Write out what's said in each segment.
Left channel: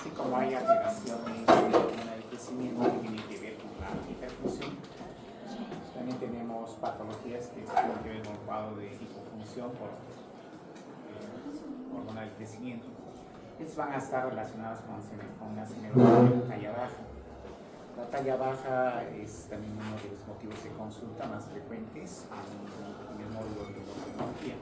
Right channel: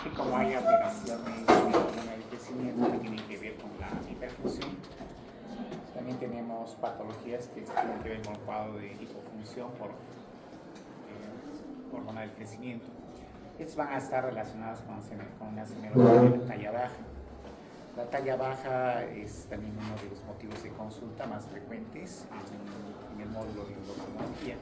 Así como hay alteraciones de hormona del crecimiento que tienen que ver con la hiperfunción, también tenemos patologías que tienen que ver con el cuadro de hipofunción por hormona del crecimiento. Estos van a estar relacionados con una semenología de talla baja. La talla baja es también uno de los motivos de consulta más frecuentes en el módulo de endocrinología.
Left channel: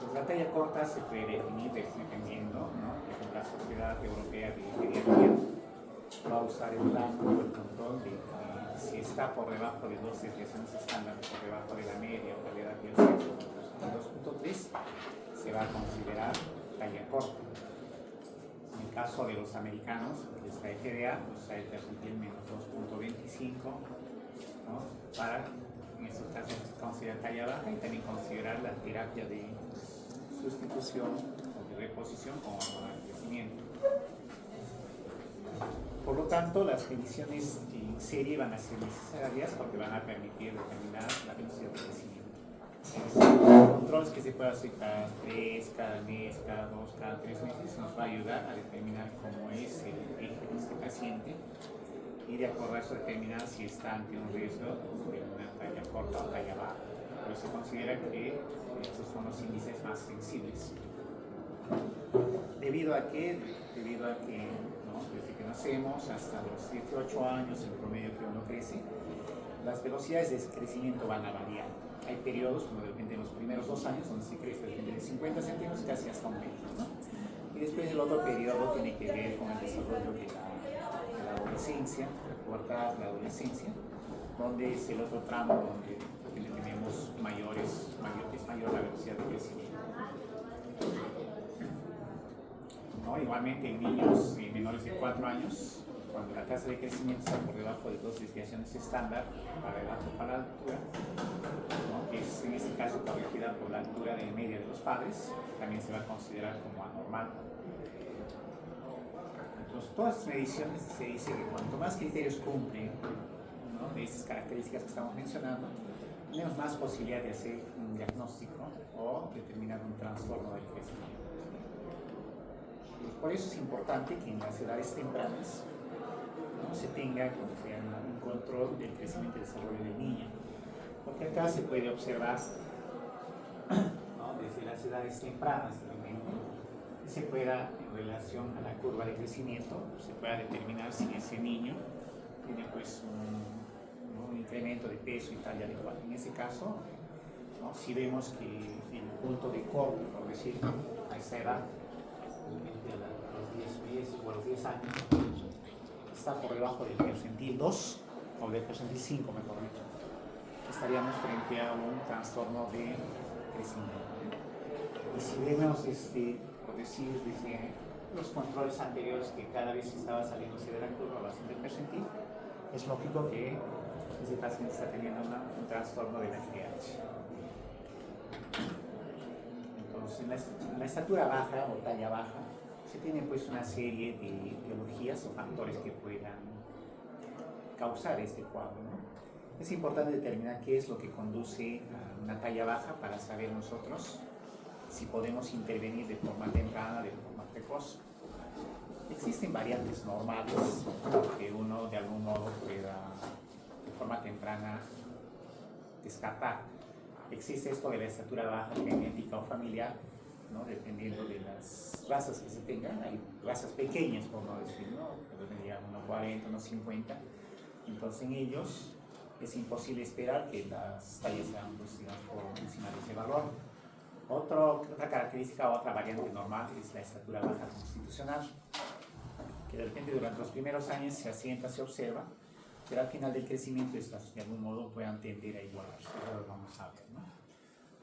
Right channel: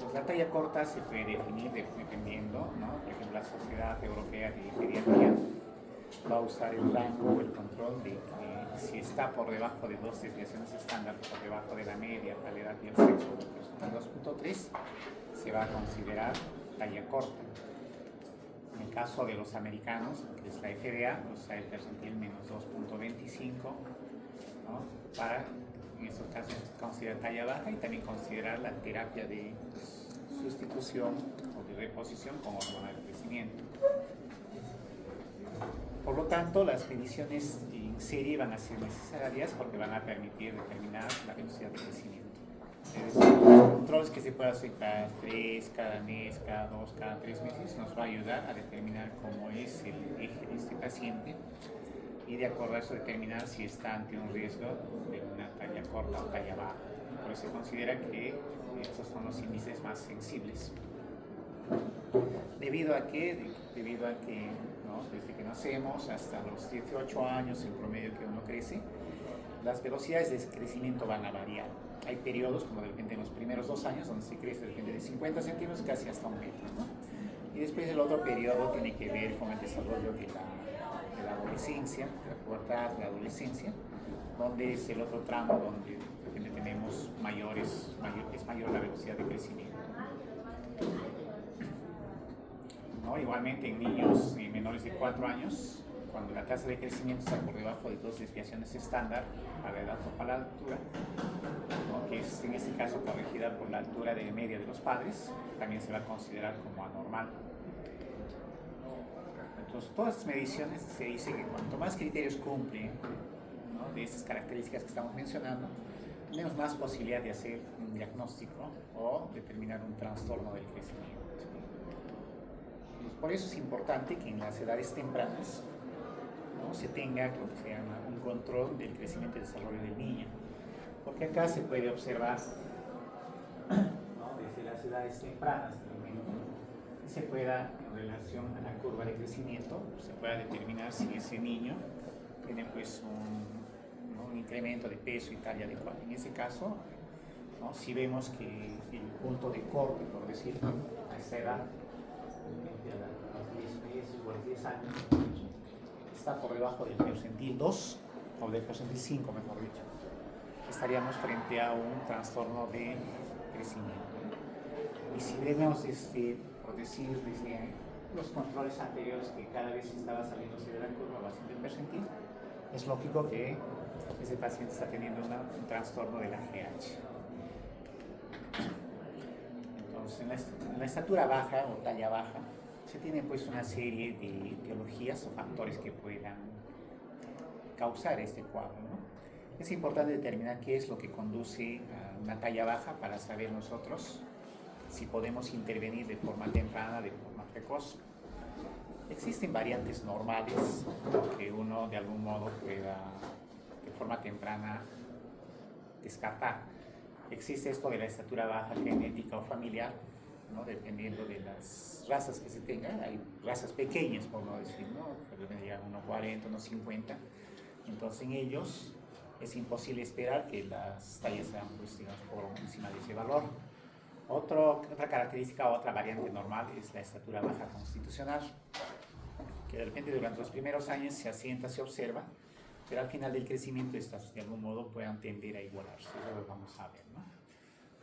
Pues la talla corta se puede definir dependiendo, ¿no? Por ejemplo, la Sociedad Europea de Pediatría va a usar el rango o el control de que si está por debajo de 2 desviaciones estándar, por debajo de la media o la edad y el sexo, 2.3, se va a considerar talla corta. En el caso de los americanos, que es la FDA, usa el percentil menos 2.25, ¿no? Para, en estos casos, considerar talla baja y también considerar la terapia de sustitución o de reposición con hormona de crecimiento. Por lo tanto, las mediciones en serie van a ser necesarias porque van a permitir determinar la velocidad de crecimiento. Los controles que se puede hacer cada 3, cada mes, cada 2, cada 3 meses nos va a ayudar a determinar cómo es el eje de este paciente y de acuerdo a eso determinar si está ante un riesgo de una talla corta o talla baja. Por eso se considera que estos son los índices más sensibles. Debido a que ¿no? Desde que nacemos hasta los 18 años en promedio que uno crece, las velocidades de crecimiento van a variar. Hay periodos, como de repente en los primeros 2 años, donde se crece de repente de 50 centímetros casi hasta 1 metro, ¿no? Y después el otro periodo tiene que ver con el desarrollo de la adolescencia, de la pubertad, la adolescencia, donde es el otro tramo donde de repente tenemos es mayor la velocidad de crecimiento. ¿No? Igualmente en niños menores de 4 años, cuando la tasa de crecimiento está por debajo de 2 desviaciones estándar a la edad o para la altura, ¿no? Que es en este caso corregida por la altura de media de los padres, también se va a considerar como anormal. Entonces, todas las mediciones se dice que cuanto más criterios cumplen, ¿no? De estas características que estamos mencionando, tenemos más posibilidad de hacer un diagnóstico o determinar un trastorno del crecimiento. Por eso es importante que en las edades tempranas, ¿no? Se tenga lo que se llama un control del crecimiento y desarrollo del niño. Porque acá se puede observar, ¿no? Desde las edades tempranas realmente, se pueda, en relación a la curva de crecimiento, se pueda determinar si ese niño tiene pues un incremento de peso y talla adecuada. En ese caso, ¿no? Si vemos que el punto de corte, por decirlo, a esta edad, a los 10 meses o a los 10 años, está por debajo del percentil 2 o del percentil 5, mejor dicho. Estaríamos frente a un trastorno de crecimiento. Y si vemos, por decir, desde los controles anteriores que cada vez estaba saliéndose de la curva base del percentil, es lógico que ese paciente está teniendo un trastorno de la GH. Entonces, en la estatura baja o talla baja, se tiene pues una serie de etiologías o factores que puedan causar este cuadro, ¿no? Es importante determinar qué es lo que conduce a una talla baja para saber nosotros si podemos intervenir de forma temprana, de forma precoz. Existen variantes normales que uno de algún modo pueda de forma temprana descartar. Existe esto de la estatura baja genética o familiar, ¿no? Dependiendo de las razas que se tengan. Hay razas pequeñas, por no decir, ¿no? Pueden llegar a unos 40, unos 50. Entonces en ellos es imposible esperar que las tallas sean pues, digamos, por encima de ese valor. Otra característica, otra variante normal es la estatura baja constitucional, que de repente durante los primeros años se asienta, se observa, pero al final del crecimiento estas de algún modo puedan tender a igualarse. Eso lo vamos a ver, ¿no?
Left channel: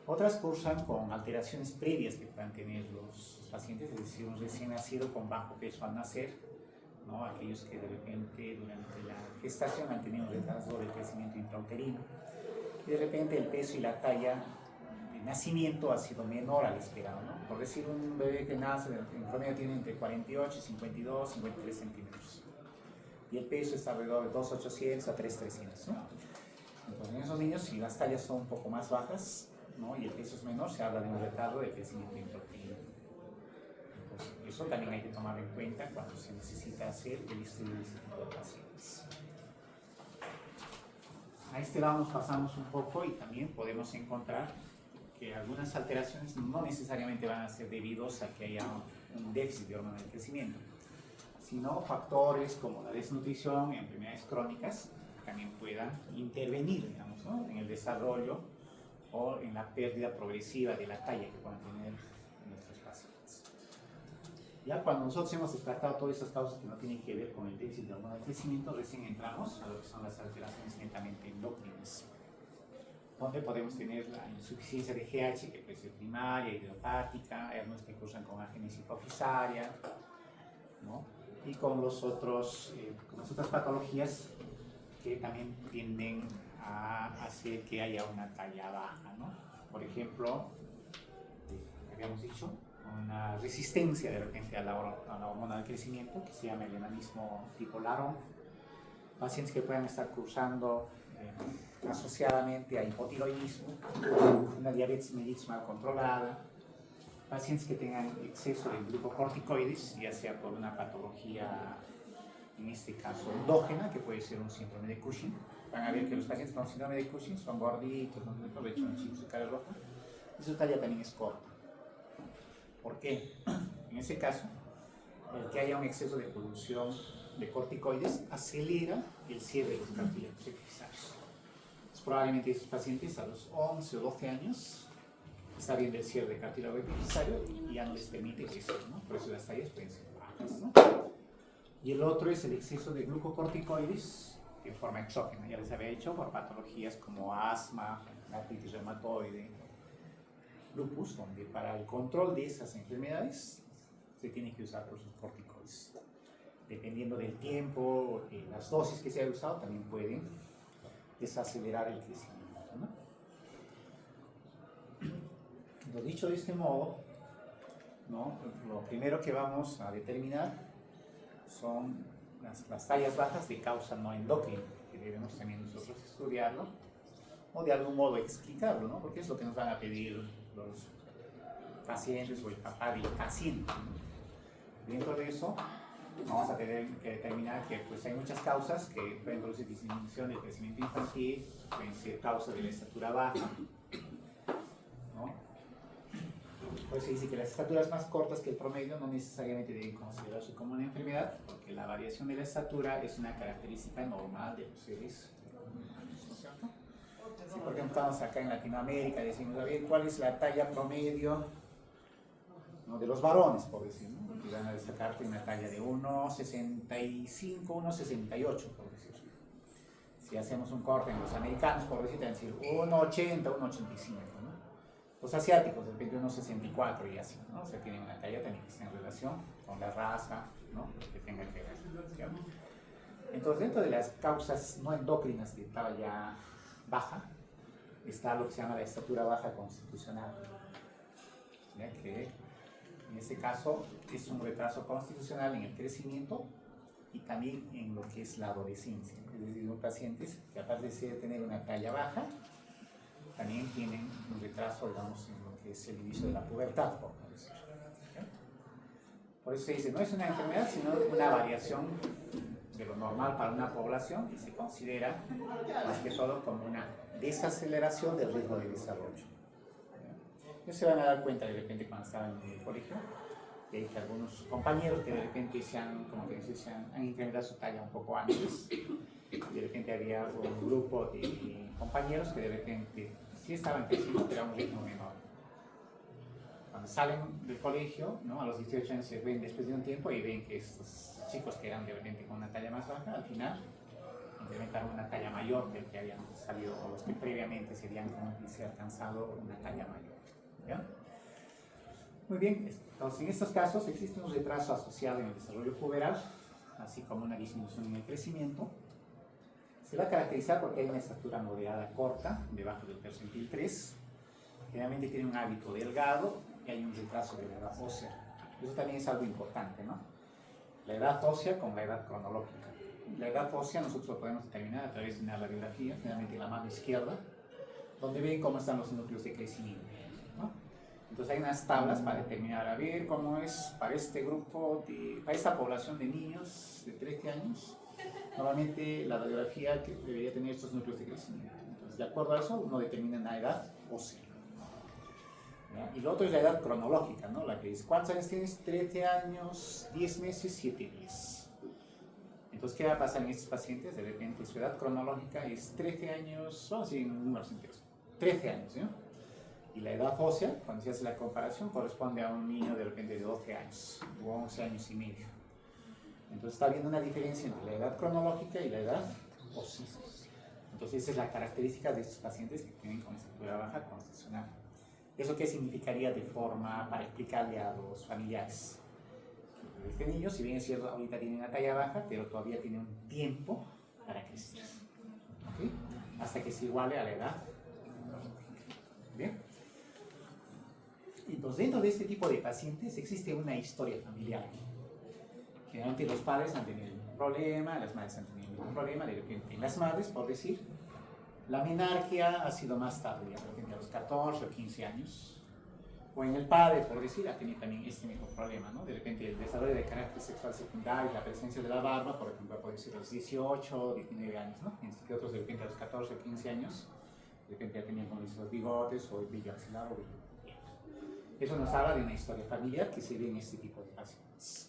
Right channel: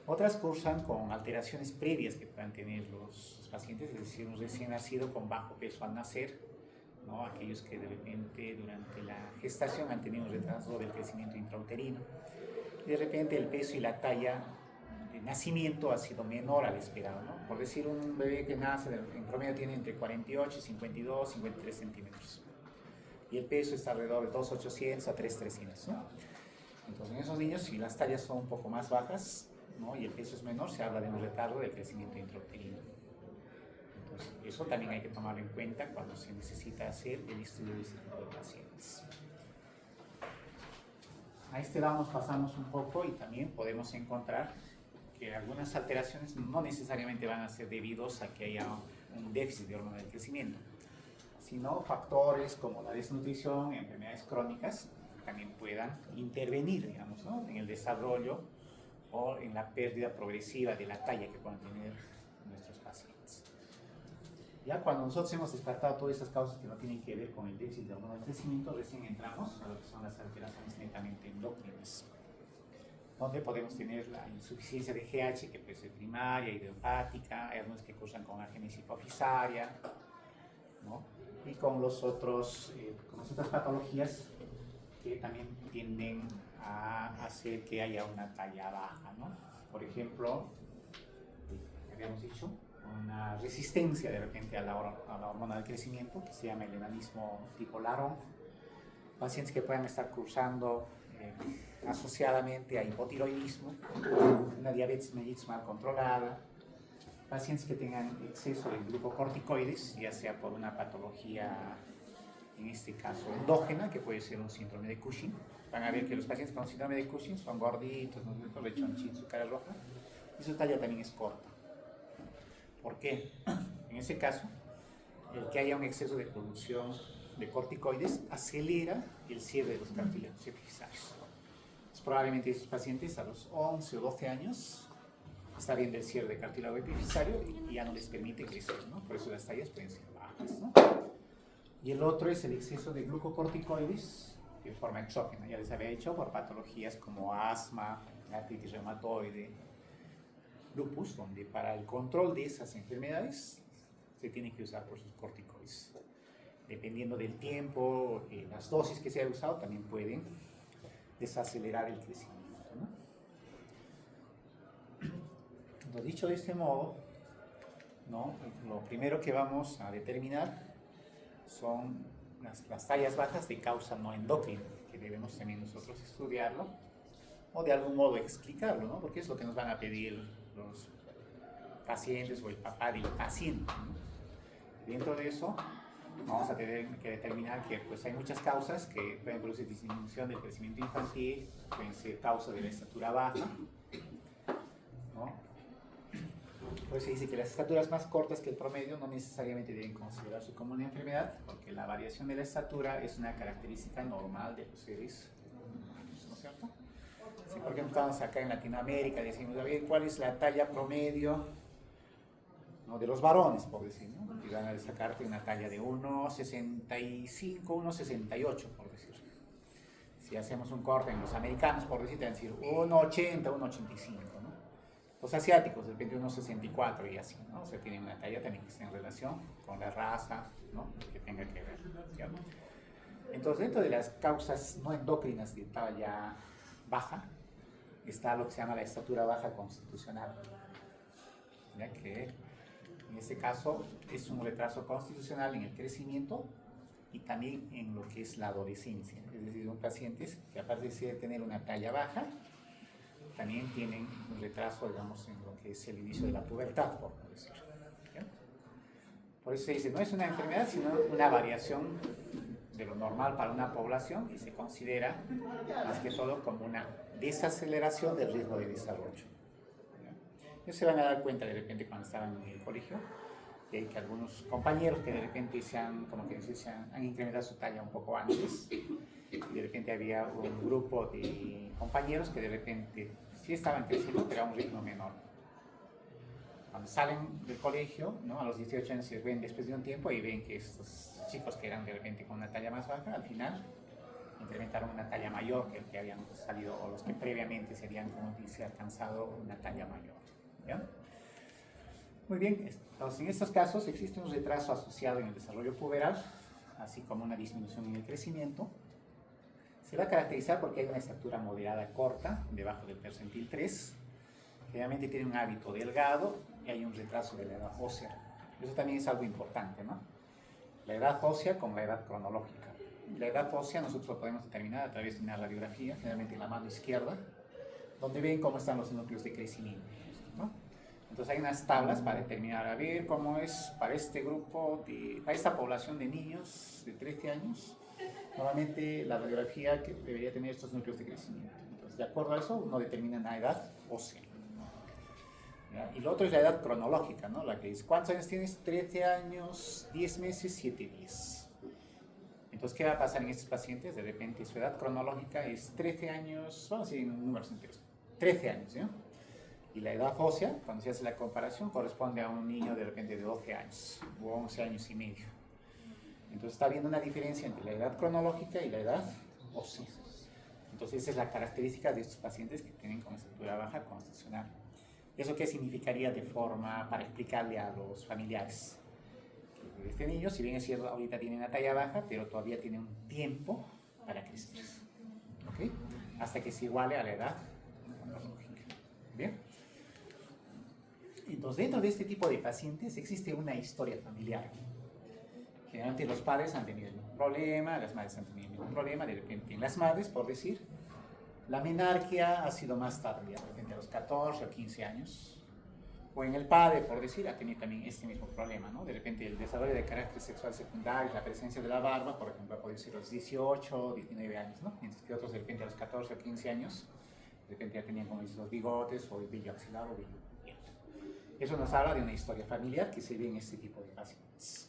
Otras cursan con alteraciones previas que puedan tener los pacientes, es decir, un recién nacido con bajo peso al nacer, ¿no? Aquellos que de repente durante la gestación han tenido un retraso del crecimiento intrauterino y de repente el peso y la talla de nacimiento ha sido menor al esperado, ¿no? Por decir, un bebé que nace en promedio tiene entre 48, 52, 53 centímetros y el peso está alrededor de 2.800 a 3.300, ¿no? Entonces en esos niños, si las tallas son un poco más bajas, ¿no? Y el peso es menor, se habla de un retardo del crecimiento intrauterino. Entonces, eso también hay que tomarlo en cuenta cuando se necesita hacer el estudio de este tipo de pacientes. A este lado nos pasamos un poco y también podemos encontrar que algunas alteraciones no necesariamente van a ser debidos a que haya un déficit de hormona del crecimiento, sino factores como la desnutrición, enfermedades crónicas, también puedan intervenir, digamos, ¿no?, en el desarrollo o en la pérdida progresiva de la talla que puedan tener nuestros pacientes. Ya cuando nosotros hemos descartado todas esas causas que no tienen que ver con el déficit de hormona del crecimiento, recién entramos a lo que son las alteraciones netamente endócrinas, donde podemos tener la insuficiencia de GH, que puede ser primaria, idiopática, hay algunos que cursan con agénesis hipofisaria, ¿no?, y con las otras patologías que también tienden a hacer que haya una talla baja, ¿no? Por ejemplo, habíamos dicho, una resistencia de repente a la hormona del crecimiento, que se llama el enanismo tipo Laron, pacientes que puedan estar cursando asociadamente a hipotiroidismo, una diabetes mellitus mal controlada, pacientes que tengan exceso de glucocorticoides, ya sea por una patología, en este caso endógena, que puede ser un síndrome de Cushing. Van a ver que los pacientes con síndrome de Cushing son gorditos, no tienen rechonchitos, su cara roja, y su talla también es corta. ¿Por qué? En ese caso, el que haya un exceso de producción de corticoides acelera el cierre de los cartílagos epifisarios. Probablemente esos pacientes a los 11 o 12 años está viendo el cierre de cartílago epifisario y ya no les permite crecer, ¿no? Por eso las tallas pueden ser bajas, ¿no? Y el otro es el exceso de glucocorticoides en forma exógena, ya les había dicho, por patologías como asma, artritis reumatoide, lupus, donde para el control de esas enfermedades se tiene que usar por sus corticoides. Dependiendo del tiempo, las dosis que se haya usado también pueden desacelerar el crecimiento, ¿no? Lo dicho de este modo, ¿no?, lo primero que vamos a determinar son las tallas bajas de causa no endocrina, que debemos también nosotros estudiarlo o de algún modo explicarlo, ¿no?, porque es lo que nos van a pedir los pacientes o el papá del paciente, ¿no? Dentro de eso vamos a tener que determinar que pues, hay muchas causas que pueden producir disminución del crecimiento infantil, pueden ser causa de la estatura baja, ¿no? Pues se dice que las estaturas más cortas que el promedio no necesariamente deben considerarse como una enfermedad, porque la variación de la estatura es una característica normal de los seres humanos, ¿no es cierto? Si por ejemplo estamos acá en Latinoamérica, decimos, a ver, ¿cuál es la talla promedio, ¿no?, de los varones, por decir, ¿no? Y van a sacarte una talla de 1,65, 1,68, por decir. Si hacemos un corte en los americanos, por decir, te van a decir 1,80, 1,85, ¿no? Los asiáticos, de repente 1,64 y así, ¿no? O sea, tienen una talla también que está en relación con la raza, ¿no?, que tenga que ver, ¿cierto? Entonces, dentro de las causas no endócrinas de talla baja, está lo que se llama la estatura baja constitucional, ya que en este caso es un retraso constitucional en el crecimiento y también en lo que es la adolescencia. Es decir, son pacientes que aparte de tener una talla baja, también tienen un retraso, digamos, en lo que es el inicio de la pubertad, por decirlo. Por eso se dice, no es una enfermedad, sino una variación de lo normal para una población y se considera, más que todo, como una desaceleración del ritmo de desarrollo. Ellos se van a dar cuenta de repente cuando estaban en el colegio, que algunos compañeros que de repente han incrementado su talla un poco antes, y de repente había un grupo de compañeros que de repente sí estaban creciendo, pero a un ritmo menor. Cuando salen del colegio, ¿no?, a los 18 años se ven después de un tiempo y ven que estos chicos que eran de repente con una talla más baja, al final incrementaron una talla mayor que el que habían salido, o los que previamente se habían alcanzado una talla mayor, ¿ya? Muy bien, entonces en estos casos existe un retraso asociado en el desarrollo puberal, así como una disminución en el crecimiento. Se va a caracterizar porque hay una estatura moderada corta, debajo del percentil 3, generalmente tiene un hábito delgado y hay un retraso de la edad ósea. Eso también es algo importante, ¿no? La edad ósea con la edad cronológica. La edad ósea nosotros lo podemos determinar a través de una radiografía, generalmente en la mano izquierda, donde ven cómo están los núcleos de crecimiento, ¿no? Entonces hay unas tablas para determinar, a ver cómo es para este grupo, para esta población de niños de 13 años. Normalmente la radiografía que debería tener estos núcleos de crecimiento. Entonces, de acuerdo a eso, uno determina una edad ósea. ¿Ya? Y lo otro es la edad cronológica, ¿no? La que dice, ¿cuántos años tienes? 13 años, 10 meses, 7 días. Entonces, ¿qué va a pasar en estos pacientes? De repente, su edad cronológica es 13 años, vamos a decir en números enteros, 13 años, ¿no? Y la edad ósea, cuando se hace la comparación, corresponde a un niño de repente de 12 años o 11 años y medio. Entonces está habiendo una diferencia entre la edad cronológica y la edad ósea. Entonces esa es la característica de estos pacientes que tienen con estatura baja constitucional. ¿Eso qué significaría de forma para explicarle a los familiares? Que este niño, si bien es cierto, ahorita tiene una talla baja, pero todavía tiene un tiempo para crecer. ¿Okay? Hasta que se iguale a la edad cronológica. ¿Bien? Entonces, dentro de este tipo de pacientes existe una historia familiar. Generalmente los padres han tenido un problema, las madres han tenido un problema, de repente las madres, por decir, la menarquia ha sido más tardía, de repente a los 14 o 15 años, o en el padre, por decir, ha tenido también este mismo problema, ¿no? De repente el desarrollo de carácter sexual secundario, la presencia de la barba, por ejemplo, puede ser a los 18 o 19 años, ¿no? Mientras que otros de repente a los 14 o 15 años, de repente ya tenían como los bigotes o el vello axilar o vello abierto. Eso nos habla de una historia familiar que se ve en este tipo de pacientes.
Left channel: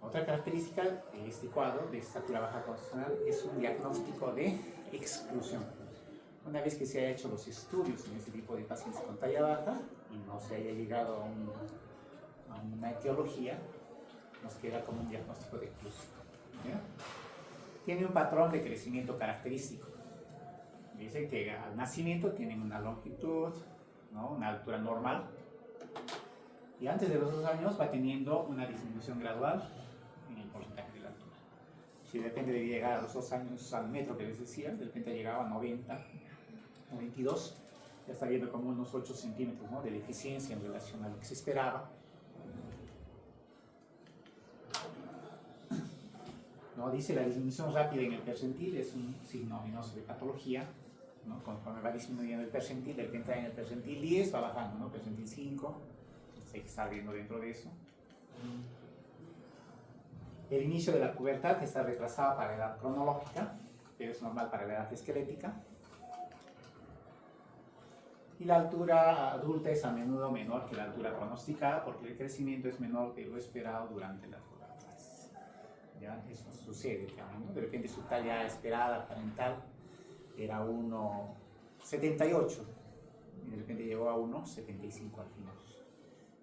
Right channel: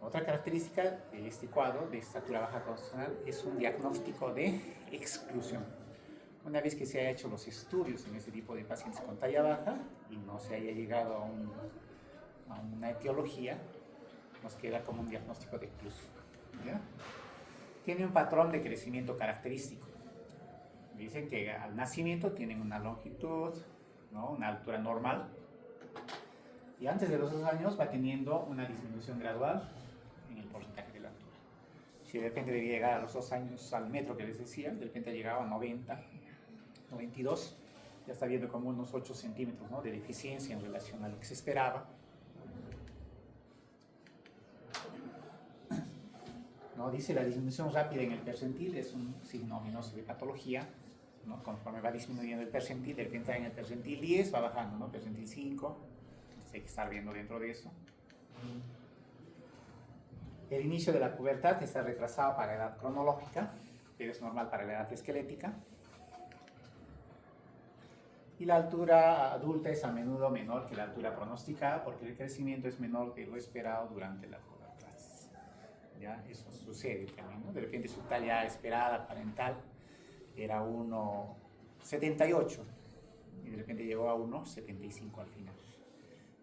Otra característica de este cuadro de estatura baja constitucional es un diagnóstico de exclusión. Una vez que se haya hecho los estudios en este tipo de pacientes con talla baja y no se haya llegado a una etiología, nos queda como un diagnóstico de exclusión. ¿Ya? Tiene un patrón de crecimiento característico. Dicen que al nacimiento tienen una longitud, ¿no? Una altura normal, y antes de los 2 años va teniendo una disminución gradual en el porcentaje de la altura. Si de repente debía llegar a los 2 años al metro que les decía, de repente ha llegado a 90, 92, ya está viendo como unos 8 centímetros, ¿no? De deficiencia en relación a lo que se esperaba. ¿No? Dice la disminución rápida en el percentil es un signo ominoso de patología, ¿no? Conforme va disminuyendo el percentil, de repente en el percentil 10 va bajando, ¿no? Percentil 5, entonces hay que estar viendo dentro de eso. El inicio de la pubertad está retrasado para la edad cronológica, pero es normal para la edad esquelética. Y la altura adulta es a menudo menor que la altura pronosticada porque el crecimiento es menor de lo esperado durante la pubertad. ¿Ya? Eso sucede también, ¿no? De repente su talla esperada parental era 1,78 y de repente llegó a 1,75 al final.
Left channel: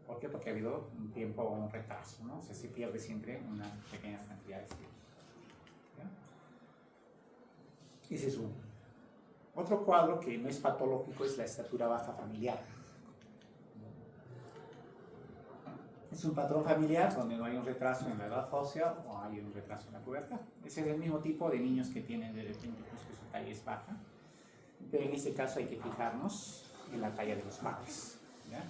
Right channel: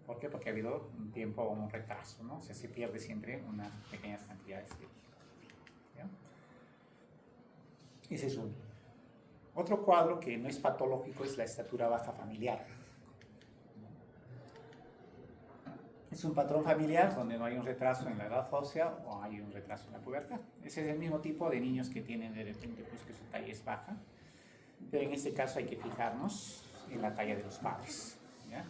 ¿Por qué? Porque ha habido un tiempo o un retraso, ¿no? O sea, se pierde siempre unas pequeñas cantidades de... ¿Ya? Ese es uno. Otro cuadro que no es patológico es la estatura baja familiar. Es un patrón familiar donde no hay un retraso en la edad ósea o hay un retraso en la pubertad. Ese es el mismo tipo de niños que tienen de repente pues, que su talla es baja, pero en este caso hay que fijarnos en la talla de los padres. ¿Ya?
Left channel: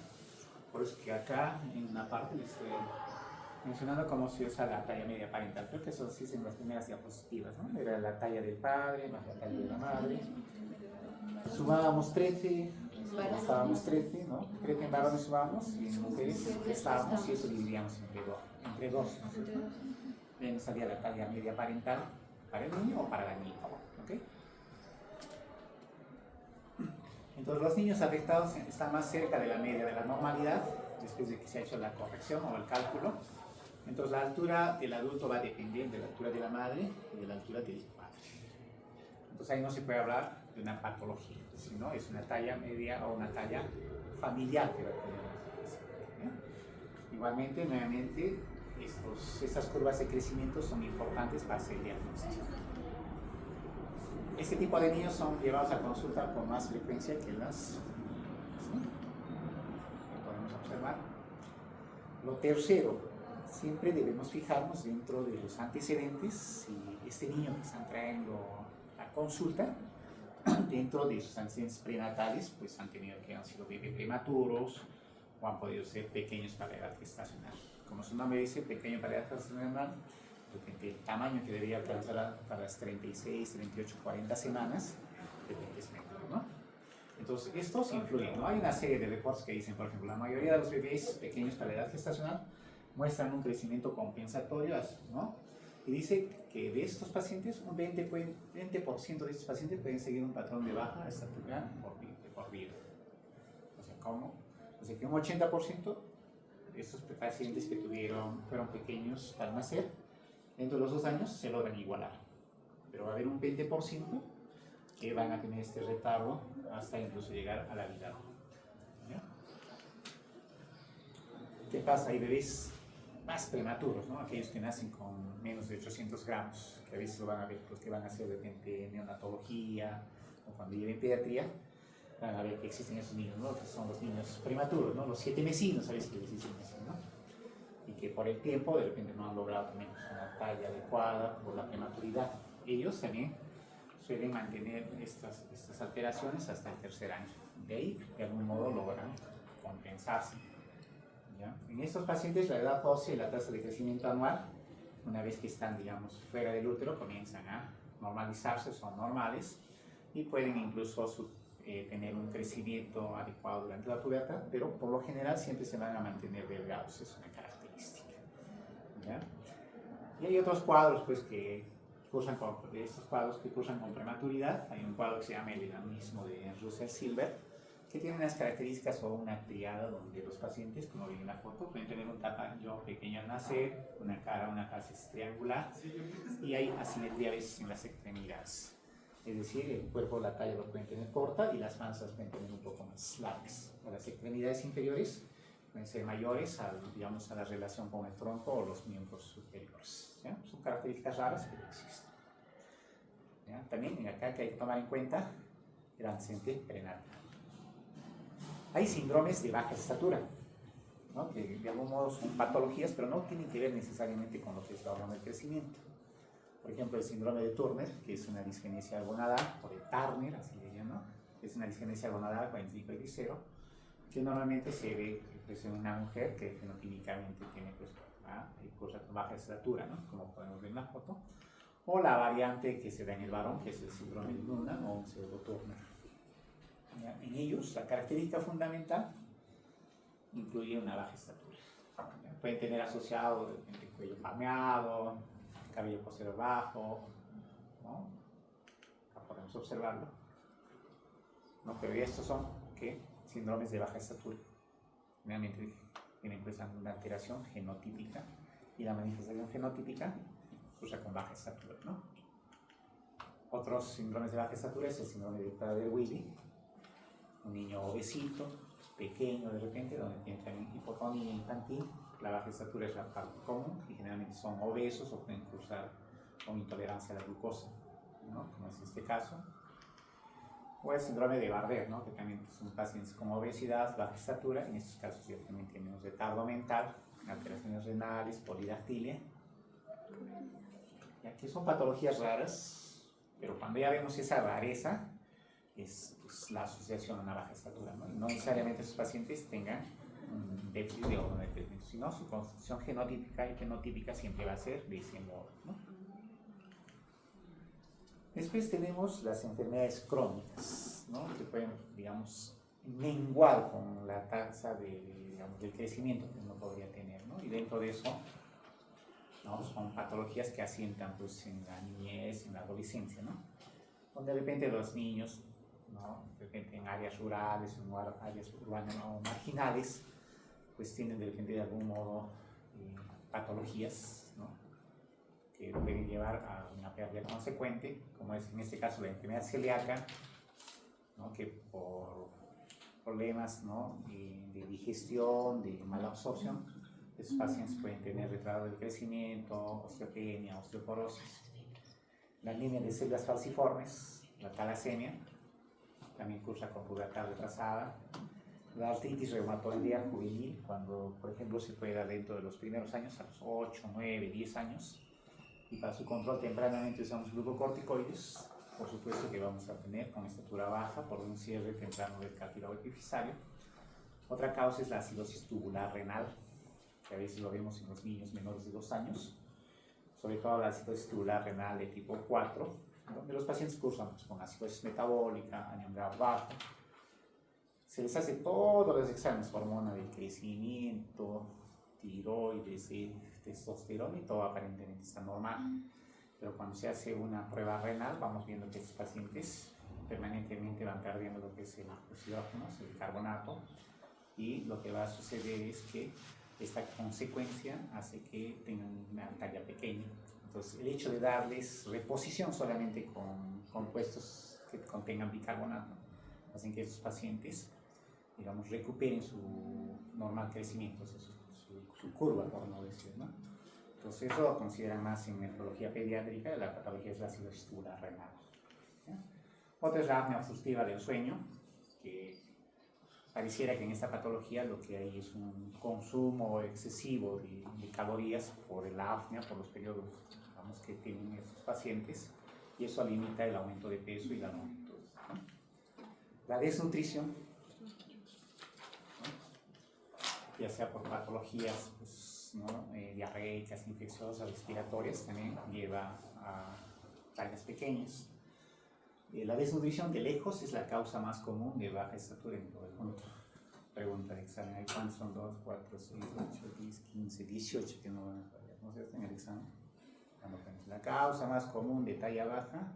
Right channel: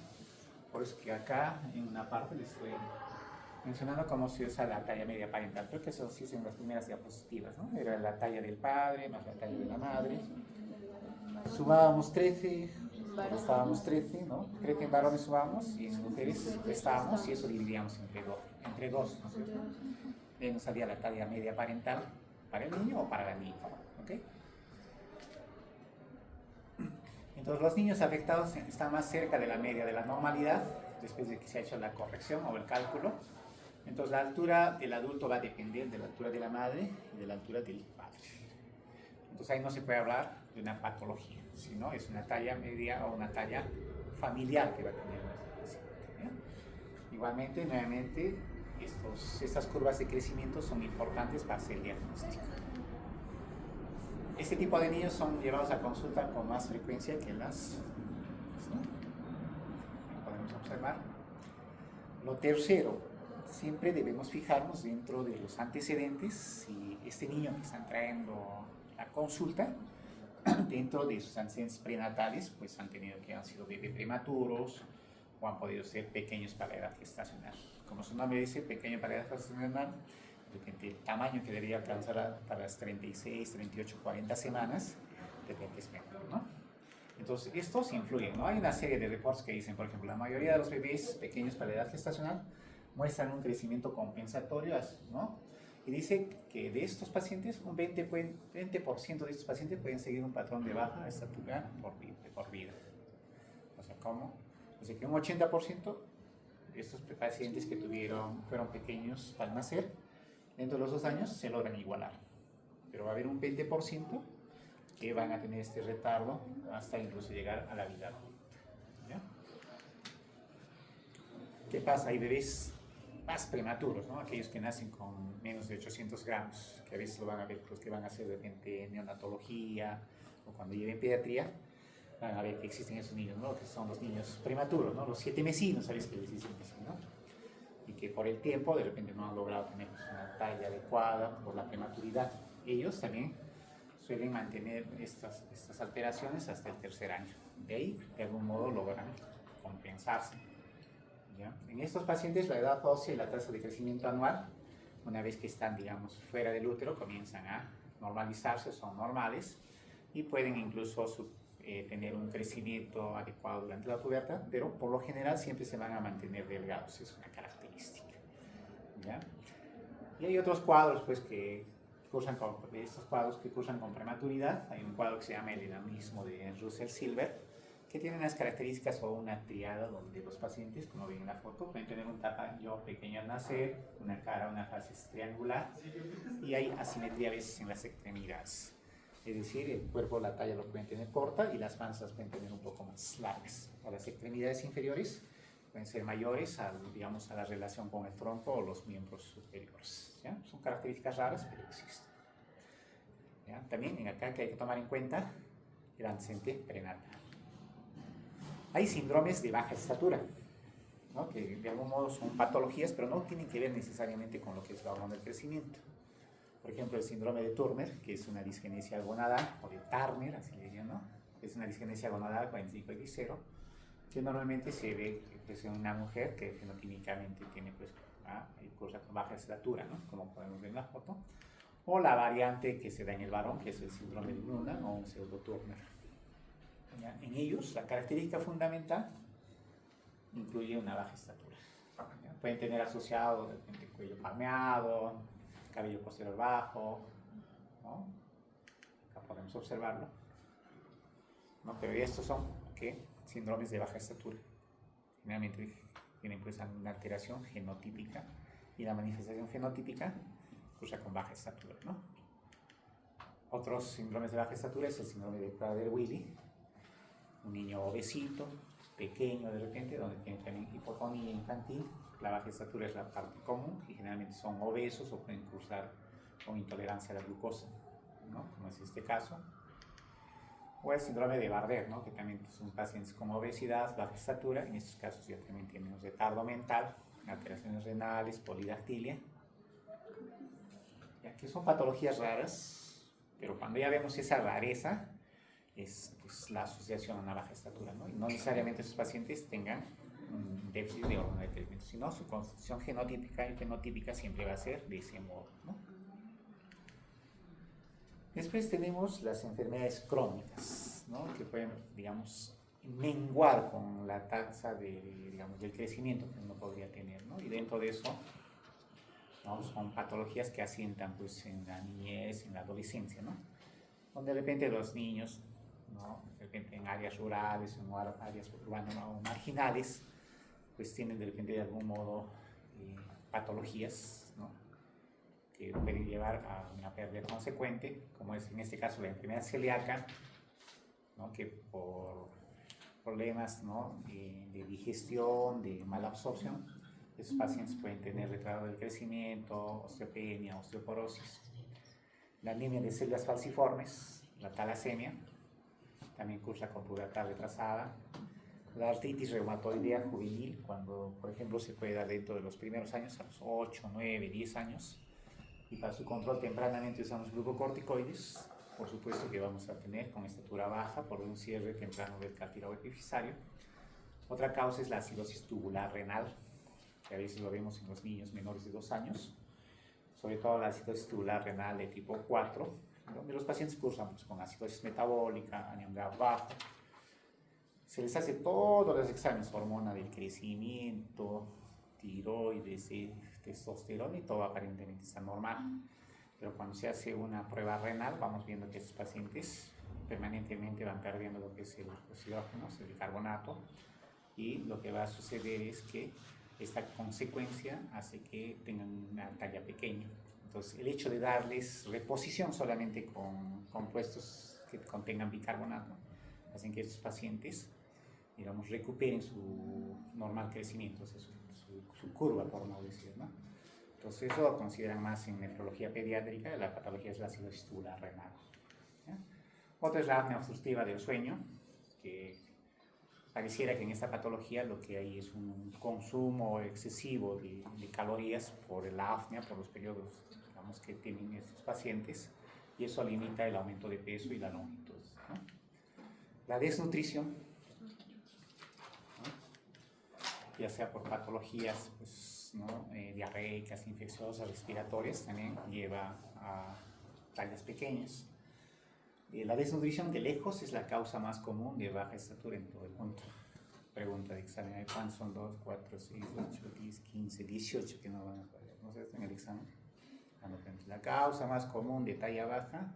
Por eso que acá en una parte les estoy mencionando cómo se usa la talla media parental. Creo que eso sí es en las primeras diapositivas, ¿no? Era la talla del padre más la talla de la madre. Sumábamos 13, estábamos 13, ¿no? Creo que en varones sumábamos y en mujeres restábamos y eso dividíamos entre dos, ¿no es cierto? De nos salía la talla media parental para el niño o para la niña, ¿ok? Entonces los niños afectados están más cerca de la media de la normalidad después de que se ha hecho la corrección o el cálculo. Entonces la altura del adulto va a depender de la altura de la madre y de la altura del padre. Entonces ahí no se puede hablar de una patología, sino es una talla media o una talla familiar que va a tener nuestro paciente. Igualmente, nuevamente, estas curvas de crecimiento son importantes para hacer el diagnóstico. Este tipo de niños son llevados a consulta con más frecuencia que las... ¿sí? Podemos observar. Lo tercero, siempre debemos fijarnos dentro de los antecedentes si este niño que están trayendo a consulta, dentro de sus antecedentes prenatales, pues han sido bebés prematuros o han podido ser pequeños para la edad gestacional. Como su nombre dice, pequeño para la edad gestacional, el tamaño que debería alcanzar para las 36, 38, 40 semanas, de repente es menor, ¿no? Entonces, estos influyen, ¿no? Hay una serie de reportes que dicen, por ejemplo, la mayoría de los bebés pequeños para la edad gestacional muestran un crecimiento compensatorio, ¿no? Y dice que de estos pacientes, un 20% de estos pacientes pueden seguir un patrón de baja estatura por vida. O sea, ¿cómo? O sea, que un 80% de estos pacientes que fueron pequeños al nacer, dentro de los 2 años se logran igualar. Pero va a haber un 20% que van a tener este retardo hasta incluso llegar a la vida. ¿Ya? ¿Qué pasa? Hay bebés más prematuros, ¿no? Aquellos que nacen con menos de 800 gramos, que a veces lo van a ver los que van a hacer de repente neonatología o cuando lleven pediatría, van a ver que existen esos niños, ¿no? Que son los niños prematuros, ¿no? Los 7 mesinos, ¿sabes qué les dicen así, ¿no? Y que por el tiempo de repente no han logrado tener una talla adecuada por la prematuridad. Ellos también suelen mantener estas alteraciones hasta el 3er año. De ahí, de algún modo, logran compensarse. ¿Ya? En estos pacientes, la edad ósea y la tasa de crecimiento anual, una vez que están, digamos, fuera del útero, comienzan a normalizarse, son normales y pueden incluso tener un crecimiento adecuado durante la pubertad, pero por lo general siempre se van a mantener delgados, es una característica. ¿Ya? Y hay otros cuadros, pues, estos cuadros que cursan con prematuridad. Hay un cuadro que se llama el enanismo de Russell-Silver, que tiene unas características o una triada donde los pacientes, como ven en la foto, pueden tener un tamaño pequeño al nacer, una cara, una faz triangular, y hay asimetría a veces en las extremidades. Es decir, el cuerpo, la talla lo pueden tener corta y las panzas pueden tener un poco más largas. A las extremidades inferiores pueden ser mayores digamos, a la relación con el tronco o los miembros superiores. ¿Ya? Son características raras, pero existen. ¿Ya? También acá que hay que tomar en cuenta el antecedente prenatal. Hay síndromes de baja estatura, ¿no? Que de algún modo son patologías, pero no tienen que ver necesariamente con lo que es la hormona del crecimiento. Por ejemplo, el síndrome de Turner, que es una disgenesia gonadal, o de Turner, así le llaman, ¿no? Es una disgenesia gonadal 45X0, que normalmente se ve pues, en una mujer que fenotípicamente tiene pues, cursa con baja estatura, ¿no? Como podemos ver en la foto. O la variante que se da en el varón, que es el síndrome de Noonan o un pseudo-Turner. En ellos, la característica fundamental incluye una baja estatura. Pueden tener asociado el cuello palmeado, cabello posterior bajo, ¿no? Acá podemos observarlo. ¿No? Pero estos son síndromes de baja estatura. Generalmente tienen pues una alteración genotípica y la manifestación fenotípica cursa con baja estatura, ¿no? Otros síndromes de baja estatura es el síndrome de Prader-Willi, un niño obesito, pequeño de repente, donde tiene también hipotonía infantil. La baja estatura es la parte común y generalmente son obesos o pueden cursar con intolerancia a la glucosa, ¿no? Como es este caso. O el síndrome de Bardet, ¿no? Que también son pacientes con obesidad, baja estatura. En estos casos ya también tienen un retardo mental, alteraciones renales, polidactilia. Ya que son patologías raras, pero cuando ya vemos esa rareza, es pues, la asociación a una baja estatura, ¿no? Y no necesariamente esos pacientes tengan un déficit de hormona de crecimiento, sino su constitución genotípica y fenotípica siempre va a ser de ese modo, ¿no? Después tenemos las enfermedades crónicas, ¿no? Que pueden, digamos, menguar con la tasa del crecimiento que uno podría tener, ¿no? Y dentro de eso, ¿no? Son patologías que asientan pues, en la niñez, en la adolescencia, ¿no? Donde de repente los niños, ¿no? De repente en áreas rurales, en áreas urbanas o marginales, pues tienen de repente de algún modo patologías, ¿no? Que pueden llevar a una pérdida consecuente, como es en este caso la enfermedad celíaca, ¿no? Que por problemas, ¿no? de digestión, de mala absorción, estos pacientes pueden tener retardo del crecimiento, osteopenia, osteoporosis. La anemia de células falciformes, la talasemia, también cursa con pubertad retrasada. La artritis reumatoidea juvenil, cuando, por ejemplo, se puede dar dentro de los primeros años, a los 8, 9, 10 años, y para su control tempranamente usamos glucocorticoides. Por supuesto que vamos a tener con estatura baja por un cierre temprano del cartílago epifisario. Otra causa es la acidosis tubular renal, que a veces lo vemos en los niños menores de 2 años, sobre todo la acidosis tubular renal de tipo 4, donde los pacientes cursan pues, con acidosis metabólica, anemia bajo, se les hace todos los exámenes, hormona del crecimiento, tiroides, testosterona y todo aparentemente está normal. Pero cuando se hace una prueba renal, vamos viendo que estos pacientes permanentemente van perdiendo lo que es el oxígeno, el bicarbonato, y lo que va a suceder es que esta consecuencia hace que tengan una talla pequeña. Entonces, el hecho de darles reposición solamente con compuestos que contengan bicarbonato hacen que estos pacientes, digamos, recuperen su normal crecimiento, o sea, su curva, por no decir, ¿no? Entonces, eso lo consideran más en nefrología pediátrica. La patología es la cirrosis tubular renal, ¿ya? Otra es la apnea obstructiva del sueño, que pareciera que en esta patología lo que hay es un consumo excesivo de calorías por la apnea, por los periodos, digamos, que tienen estos pacientes, y eso limita el aumento de peso y la longitud, ¿no? La desnutrición, ¿no?, ya sea por patologías, pues, ¿no?, diarreicas, infecciosas, respiratorias, también lleva a tallas pequeñas. La desnutrición de lejos es la causa más común de baja estatura en todo el mundo. Pregunta de examen: ¿cuántos son 2, 4, 6, 8, 10, 15, 18 que no se hacen el examen? La causa más común de talla baja,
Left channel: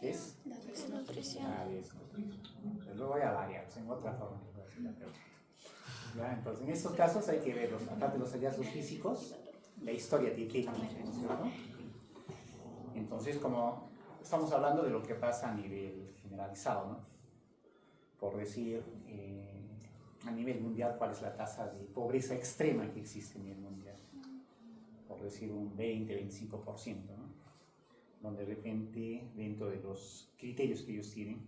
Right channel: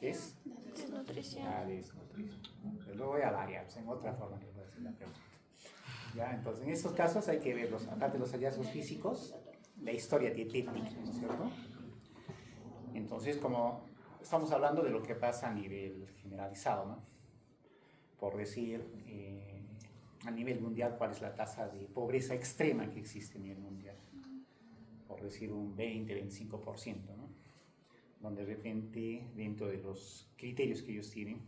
¿qué es? Desnutrición. La desnutrición. Luego voy a variar, pues, en otra forma que voy a hacer la pregunta. ¿Ya? Entonces, en estos casos hay que ver, aparte de los hallazgos físicos, la historia dietética, ¿no es cierto? Entonces, como estamos hablando de lo que pasa a nivel generalizado, ¿no? Por decir, a nivel mundial, ¿cuál es la tasa de pobreza extrema que existe a nivel mundial? Por decir un 20-25%, ¿no? Donde de repente, dentro de los criterios que ellos tienen,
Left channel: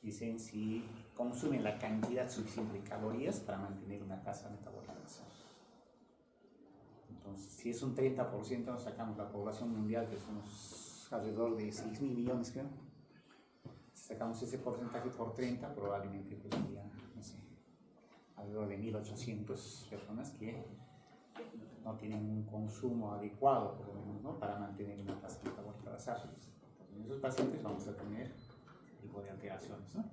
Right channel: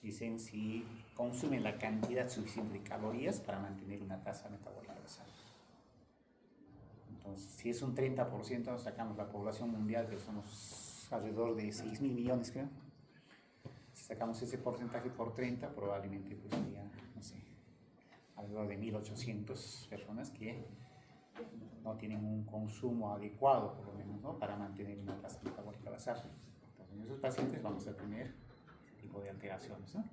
dicen si consumen la cantidad suficiente de calorías para mantener una tasa metabólica basal. Entonces, si es un 30%, nos sacamos la población mundial, que somos alrededor de 6.000 millones, creo. Si sacamos ese porcentaje por 30, probablemente pues sería, no sé, alrededor de 1.800 personas que no tienen un consumo adecuado, por lo menos, ¿no?, para mantener una tasa metabólica basal. Entonces, en esos pacientes vamos a tener este tipo de alteraciones, ¿no?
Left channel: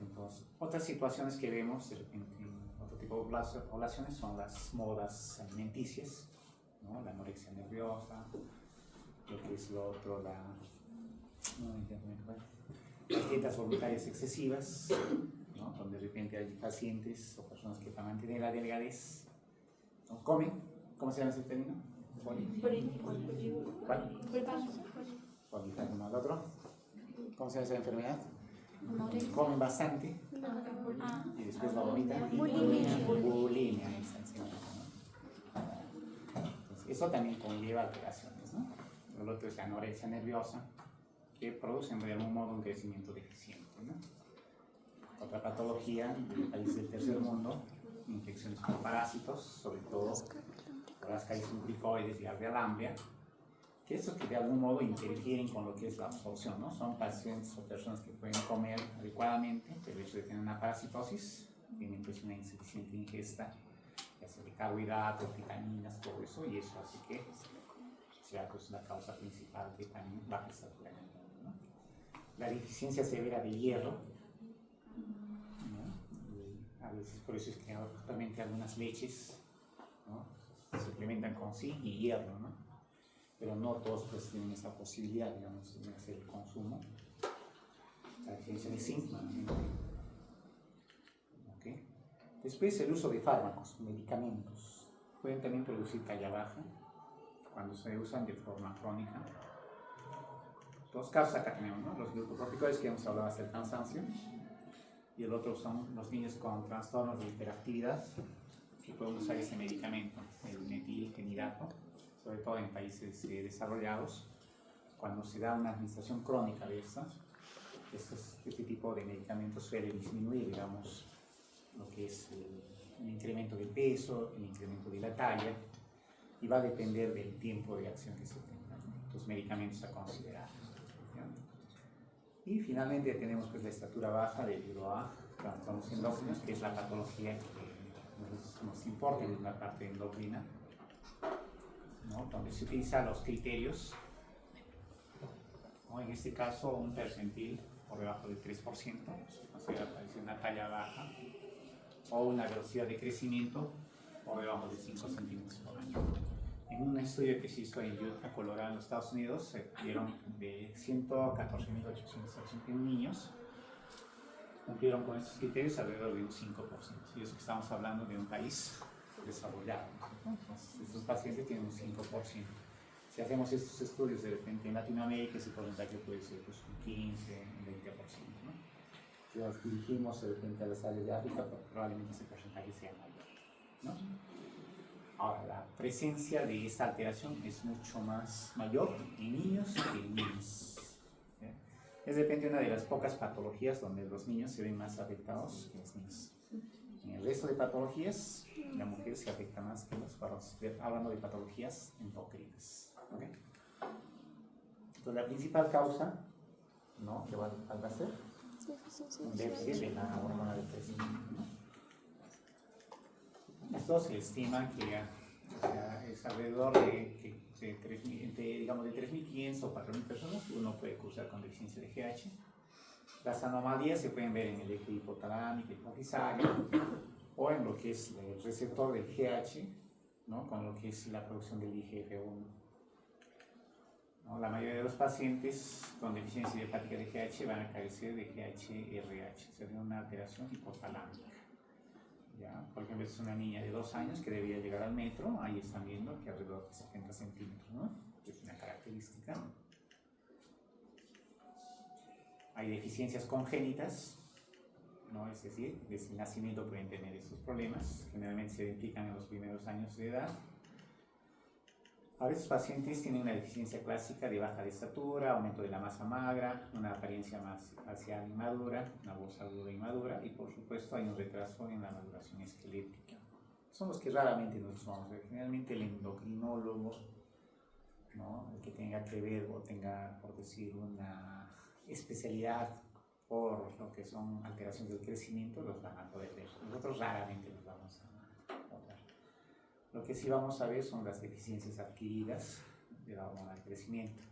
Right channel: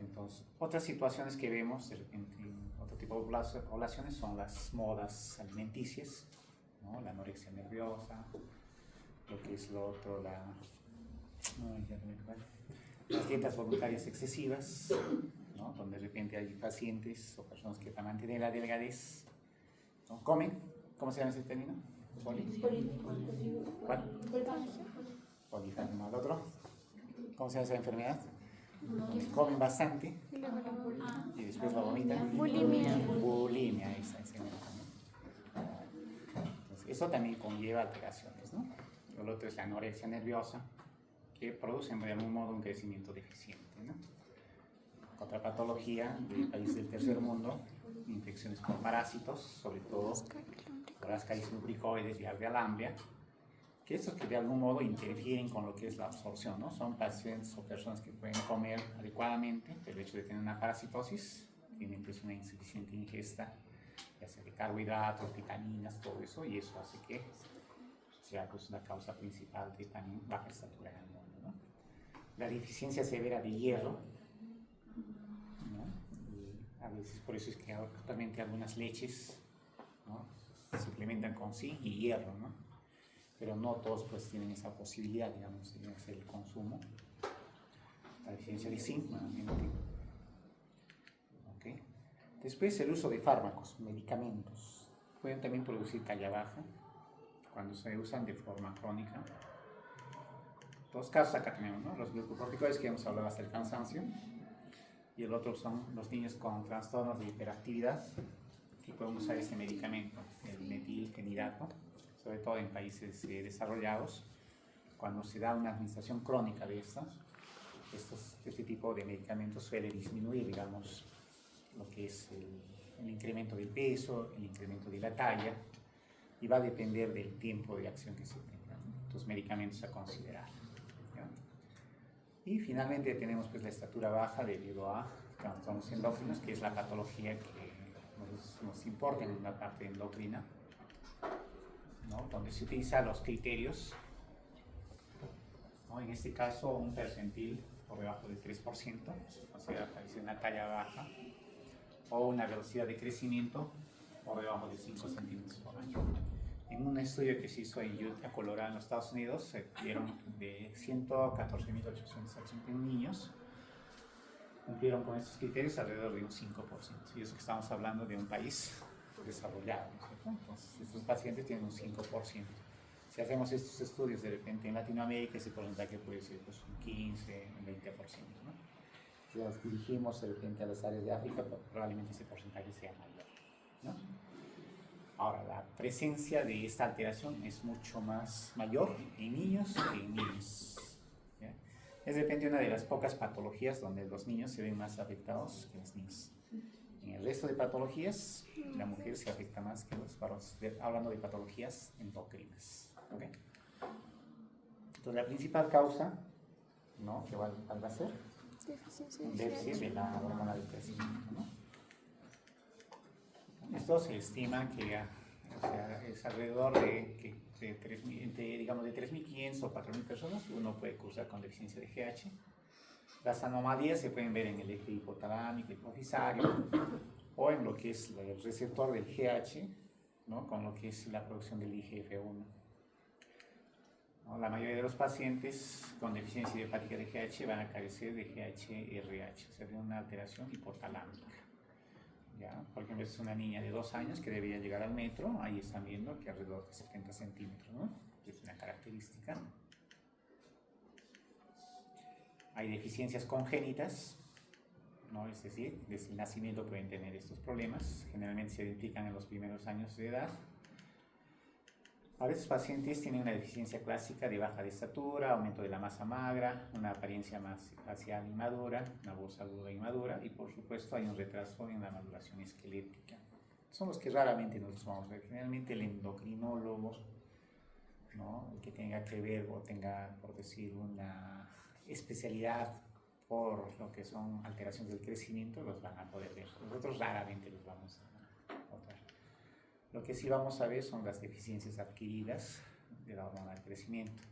Entonces, otras situaciones que vemos de repente en otro tipo de poblaciones son las modas alimenticias, ¿no?, la anorexia nerviosa, lo que es lo otro, las dietas voluntarias excesivas, ¿no?, donde de repente hay pacientes o personas que para mantener la delgadez, ¿no?, comen, ¿cómo se llama ese término? Polifágico, ¿el otro? ¿Cómo se llama esa enfermedad? Comen bastante y después la vomitan. Bulimia. Bulimia, exactamente, ¿no? Entonces, eso también conlleva alteraciones, ¿no? El otro es la anorexia nerviosa, que produce de algún modo un crecimiento deficiente, ¿no? Otra patología del país del tercer mundo, infecciones por parásitos, sobre todo por Ascaris lumbricoides y Alveola amblia, que estos que de algún modo interfieren con lo que es la absorción, ¿no? Son pacientes o personas que pueden comer adecuadamente, pero el hecho de tener una parasitosis, tienen pues una insuficiente ingesta, ya sea de carbohidratos, vitaminas, todo eso, y eso hace que sea pues la causa principal de también baja estatura en el mundo, ¿no? La deficiencia severa de hierro, ¿no? Y a veces por eso es que actualmente algunas leches, ¿no?, se suplementan con zinc y hierro, ¿no? Pero no todos pues tienen esa posibilidad, digamos, de hacer el consumo. La deficiencia de zinc, ¿okay? Después, el uso de fármacos, medicamentos, pueden también producir talla baja cuando se usan de forma crónica. Dos casos acá tenemos, ¿no?, los glucocorticoides, que hemos hablado hasta el cansancio, y el otro son los niños con trastornos de hiperactividad, que pueden usar este medicamento, el metilfenidato, sobre todo en países desarrollados. Cuando se da una administración crónica de este tipo de medicamentos suele disminuir, digamos, lo que es el incremento del peso, el incremento de la talla, y va a depender del tiempo de acción que se tenga, ¿no?, estos medicamentos a considerar, ¿ya? Y finalmente tenemos pues la estatura baja debido a trastornos endócrinos, que es la patología que nos importa en la parte endocrina, ¿no?, donde se utilizan los criterios, ¿no?, en este caso un percentil por debajo del 3%, o sea, aparece una talla baja, o una velocidad de crecimiento por debajo de 5 centímetros por año. En un estudio que se hizo en Utah, Colorado, en los Estados Unidos, se vieron de 114.881 niños, cumplieron con estos criterios alrededor de un 5%. Y eso que estamos hablando de un país desarrollado, ¿no? Entonces, estos pacientes tienen un 5%. Si hacemos estos estudios de repente en Latinoamérica, ese porcentaje puede ser pues, un 15, un 20%, ¿no? Si nos dirigimos de repente a las áreas de África, pues, probablemente ese porcentaje sea mayor, ¿no? Ahora, la presencia de esta alteración es mucho más mayor en niños que en niños. ¿Ya? Es de repente una de las pocas patologías donde los niños se ven más afectados que los niños. En el resto de patologías, la mujer se afecta más que los varones, hablando de patologías endocrinas. ¿Okay? Entonces, la principal causa, ¿no?, que va a ser un déficit de la hormona del crecimiento, ¿no? Esto se estima que o sea, es alrededor de 3.500 o 4.000 personas que uno puede cursar con deficiencia de GH. Las anomalías se pueden ver en el eje hipotalámico, hipofisario, o en lo que es el receptor del GH, ¿no?, con lo que es la producción del IGF-1. ¿No? La mayoría de los pacientes con deficiencia hepática de GH van a carecer de GH-RH, o sea, de una alteración hipotalámica. ¿Ya? Por ejemplo, es una niña de 2 años que debería llegar al metro, ahí están viendo que alrededor de 70 centímetros, ¿no? Es una característica. Hay deficiencias congénitas, ¿no? Es decir, desde el nacimiento pueden tener estos problemas, generalmente se identifican en los primeros años de edad. A veces pacientes tienen una deficiencia clásica de baja de estatura, aumento de la masa magra, una apariencia más facial inmadura, una voz aguda inmadura y por supuesto hay un retraso en la maduración esquelética. Son los que raramente nos vamos a ver. Generalmente el endocrinólogo, ¿no?, el que tenga que ver o tenga, por decir, una especialidad por lo que son alteraciones del crecimiento, los van a poder ver. Nosotros raramente los vamos a notar. Lo que sí vamos a ver son las deficiencias adquiridas de la hormona del crecimiento,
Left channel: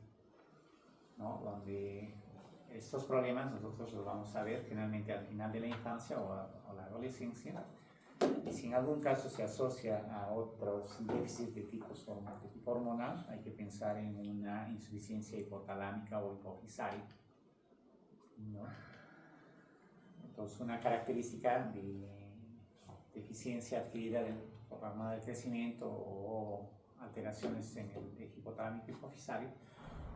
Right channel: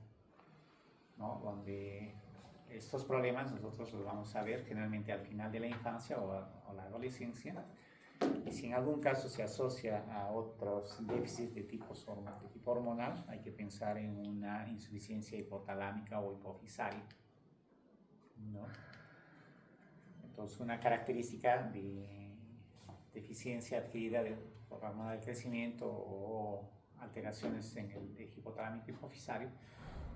¿no?, donde estos problemas nosotros los vamos a ver generalmente al final de la infancia o la adolescencia, y si en algún caso se asocia a otros déficits de tipo hormonal, hay que pensar en una insuficiencia hipotalámica o hipofisaria, ¿no? Entonces, una característica de deficiencia adquirida por la hormona del crecimiento o alteraciones en el eje hipotalámico hipofisario,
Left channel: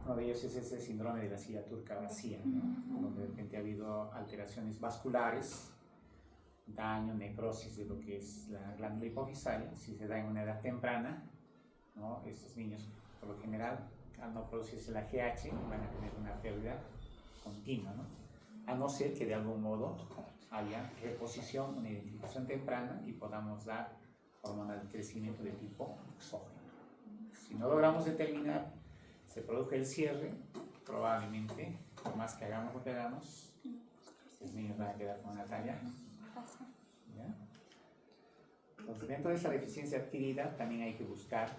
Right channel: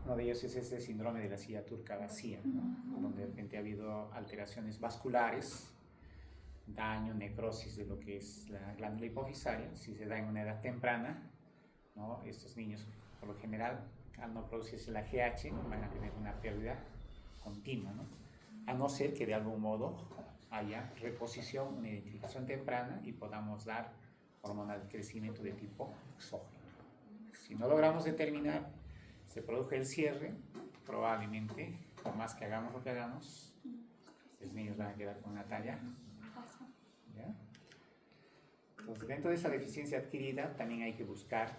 uno de ellos es ese síndrome de la silla turca vacía, ¿no?, donde de repente ha habido alteraciones vasculares, daño, necrosis de lo que es la glándula hipofisaria. Si se da en una edad temprana, ¿no?, estos niños, por lo general, al no producirse la GH, van a tener una pérdida continua, ¿no?, a no ser que de algún modo haya reposición, una identificación temprana y podamos dar hormona de crecimiento de tipo exógeno. Si no logramos determinar, se produce el cierre, probablemente, por más que hagamos lo que hagamos, los niños van a quedar con una talla. ¿Ya? Entonces, dentro de esa deficiencia adquirida, también hay que buscar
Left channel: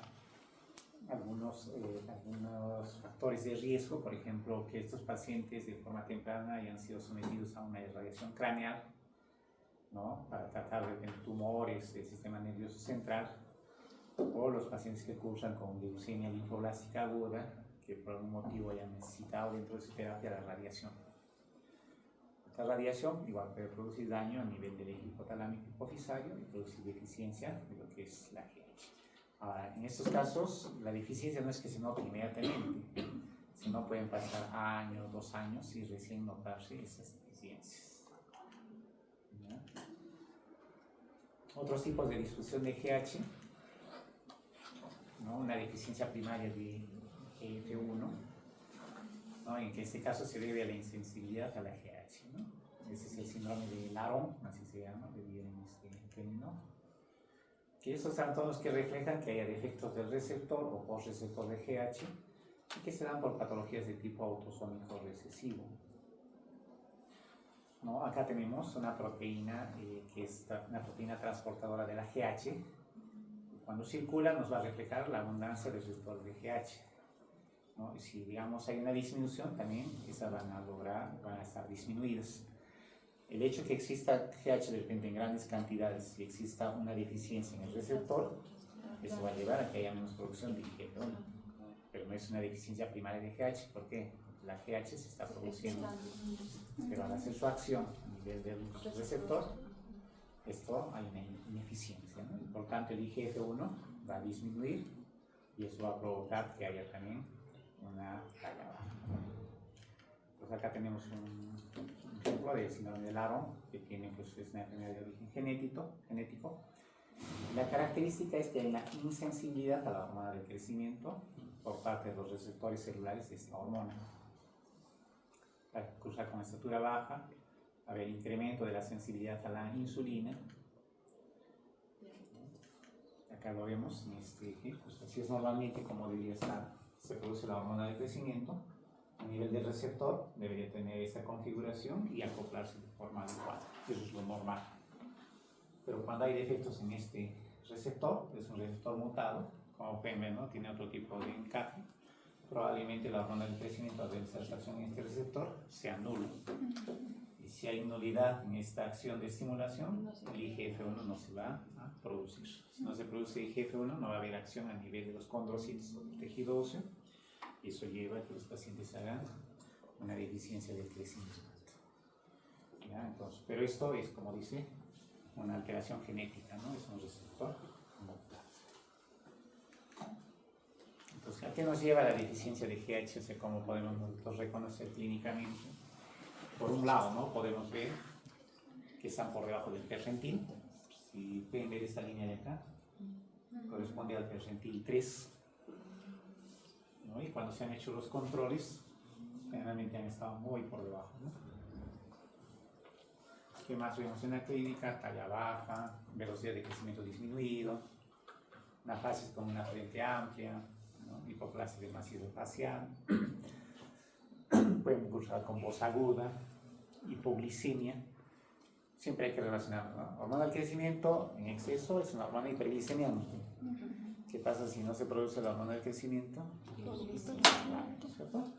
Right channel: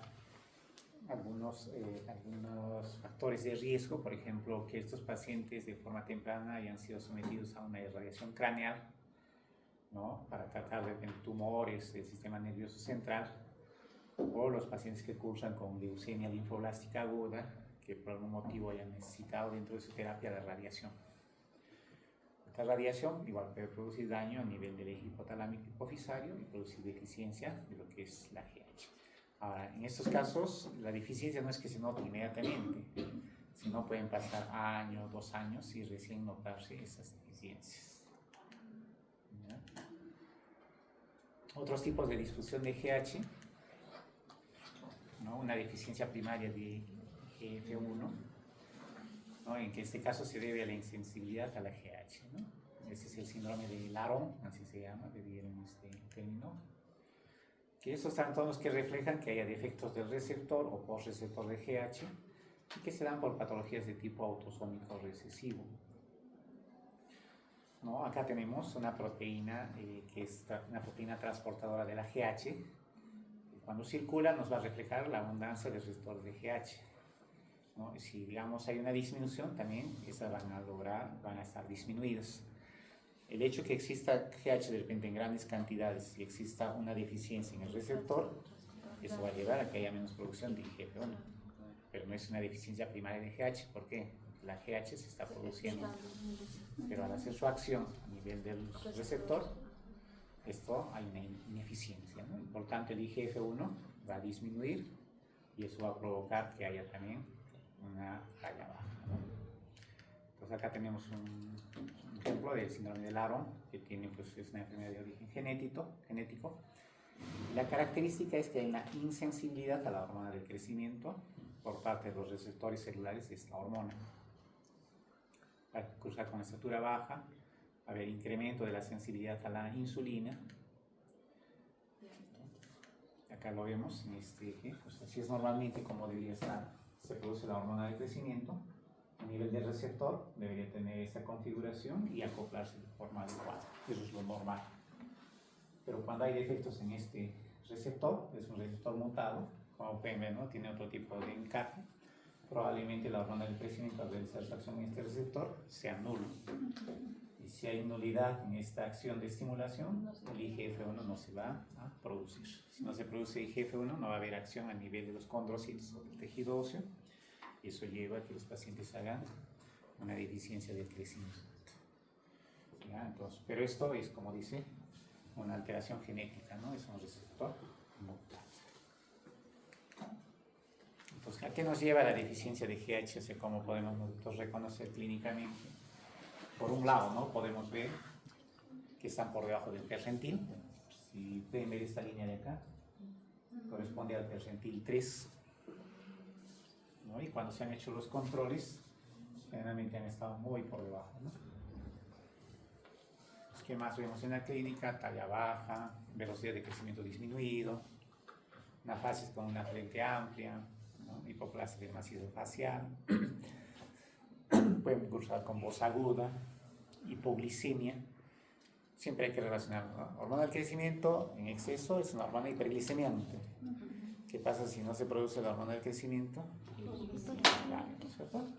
algunos factores de riesgo, por ejemplo, que estos pacientes de forma temprana hayan sido sometidos a una irradiación craneal, ¿no?, para tratar de tumores del sistema nervioso central, o los pacientes que cursan con leucemia linfoblástica aguda, que por algún motivo hayan necesitado dentro de su terapia de radiación. Esta radiación igual puede producir daño a nivel del eje hipotalámico hipofisario y producir deficiencia de lo que es la GH. Ahora, en estos casos, la deficiencia no es que se note inmediatamente, sino pueden pasar años, 2 años y recién notarse esas deficiencias. ¿Ya? Otros tipos de disfunción de GH, ¿no?, una deficiencia primaria de GF1, ¿no?, en que este caso se debe a la insensibilidad a la GH, ¿no? Este es el síndrome de Laron, así se llama, le dieron este término, que estos trastornos que reflejan que haya defectos del receptor o postreceptor de GH y que se dan por patologías de tipo autosómico recesivo, ¿no? Acá tenemos una proteína que es una proteína transportadora de la GH. Cuando circula nos va a reflejar la abundancia del receptor de GH. ¿no? Y si, digamos, hay una disminución, también esas van a estar disminuidas. El hecho que exista GH de repente en grandes cantidades y exista una deficiencia en el receptor, eso va a llevar a que haya menos producción de IGF-1. Pero no es una deficiencia primaria de GH, ¿por qué? Porque la GH se está produciendo, pero al hacer su acción a nivel del receptor, esto hay una ineficiencia, ¿no? Y por tanto el IGF-1 va a disminuir y eso va a provocar que haya también una talla baja. Entonces acá tenemos un ejemplo del síndrome de Laron, que tiene, pues, es una enfermedad de origen genético. La característica es que hay una insensibilidad a la hormona del crecimiento por parte de los receptores celulares de esta hormona. Va a cursar con estatura baja, va a haber incremento de la sensibilidad a la insulina. Acá lo vemos en este eje, pues así es normalmente como debería estar, se produce la hormona del crecimiento. A nivel del receptor debería tener esta configuración y acoplarse de forma adecuada, eso es lo normal. Pero cuando hay defectos en este receptor, es un receptor mutado, como pueden ver, ¿no? Tiene otro tipo de encaje, probablemente la hormona del crecimiento al realizar su acción en este receptor sea nulo. Y si hay nulidad en esta acción de estimulación, el IGF-1 no se va a producir. Si no se produce IGF-1, no va a haber acción a nivel de los condrocitos o del tejido óseo, y eso lleva a que los pacientes hagan una deficiencia del crecimiento. ¿Ya? Entonces, pero esto es, como dice, una alteración genética, ¿no? Es un receptor mutado. Entonces, ¿a qué nos lleva la deficiencia de GH? O sea, ¿cómo podemos nosotros reconocer clínicamente? Por un lado, ¿no? Podemos ver que están por debajo del percentil. Si pueden ver esta línea de acá, corresponde al percentil 3. ¿No? Y cuando se han hecho los controles, generalmente han estado muy por debajo, ¿no? ¿Qué más vemos en la clínica? Talla baja, velocidad de crecimiento disminuido, una fases con una frente amplia, ¿no? Hipoplasia de macizo facial, pueden cursar con voz aguda, hipoglicemia. Siempre hay que relacionarlo, ¿no? Hormona del crecimiento en exceso es una hormona hiperglicemiante. ¿Qué pasa si no se produce la hormona del crecimiento? ¿Cierto?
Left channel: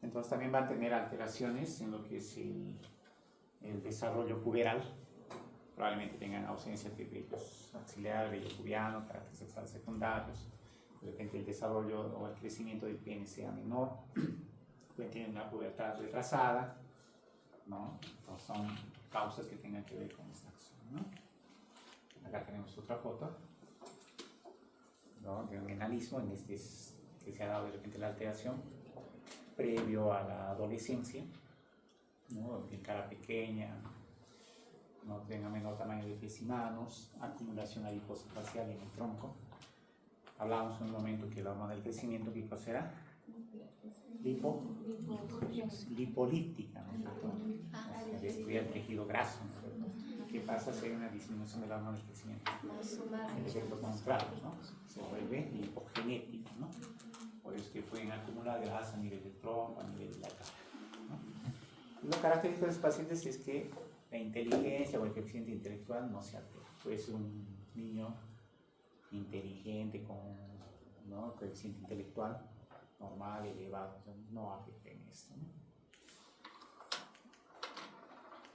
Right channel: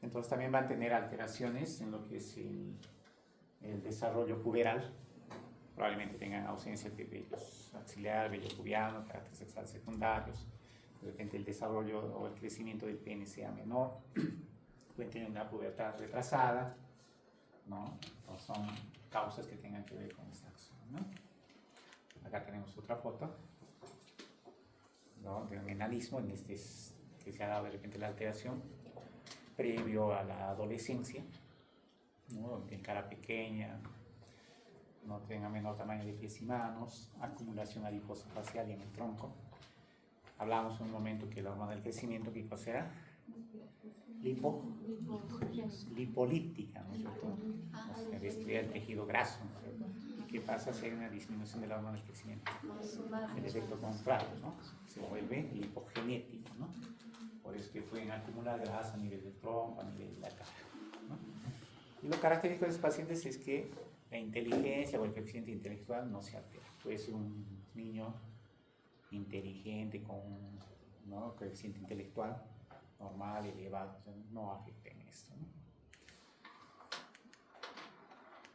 Entonces también van a tener alteraciones en lo que es el desarrollo puberal. Probablemente tengan ausencia de vellos axilar, vello pubiano, carácter sexual secundarios. De repente el desarrollo o el crecimiento del pene sea menor. Pueden tener una pubertad retrasada, ¿no? Entonces son causas que tengan que ver con esta acción, ¿no? Acá tenemos otra foto, ¿no? De un enanismo en este que se ha dado de repente la alteración previo a la adolescencia, ¿no? En cara pequeña, no tenga menor tamaño de pies y manos, acumulación adiposa facial en el tronco. Hablábamos en un momento que la hormona del crecimiento, ¿qué cosa era? Lipolíptica, ¿no es cierto? O sea, destruye el tejido graso, ¿no es cierto? ¿Y qué pasa si hay una disminución de la hormona del crecimiento? El efecto contrario, ¿no? Se vuelve lipogenética, ¿no? Por eso que pueden acumular grasa a nivel del tronco, a nivel de la cara, ¿no? Y lo característico de los pacientes es que la inteligencia o el coeficiente intelectual no se altera. Puede ser un niño inteligente con, ¿no?, coeficiente intelectual normal, elevado, o sea, no afecta en esto, ¿no?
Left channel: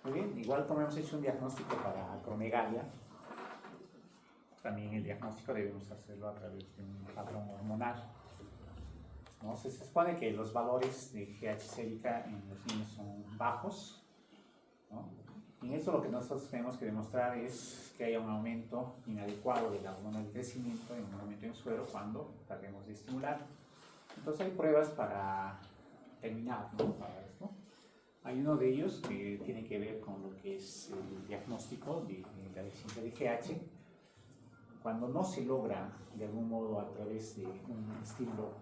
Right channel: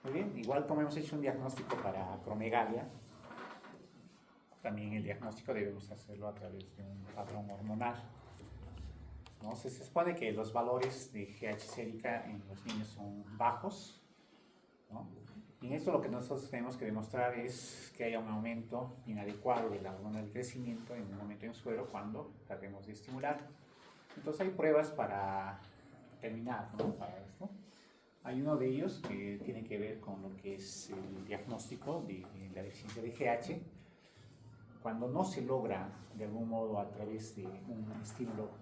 Muy bien, igual como hemos hecho un diagnóstico para acromegalia, también el diagnóstico debemos hacerlo a través de un patrón hormonal, ¿no? Se supone que los valores de GH sérica en los niños son bajos, ¿no? Y en esto lo que nosotros tenemos que demostrar es que haya un aumento inadecuado de la hormona del crecimiento, en un aumento en suero cuando tratemos de estimular. Entonces hay pruebas para determinar, ¿no?, para esto. Hay uno de ellos que tiene que ver con lo que es el diagnóstico de la deficiencia de GH. Cuando no se logra de algún modo a través de un estímulo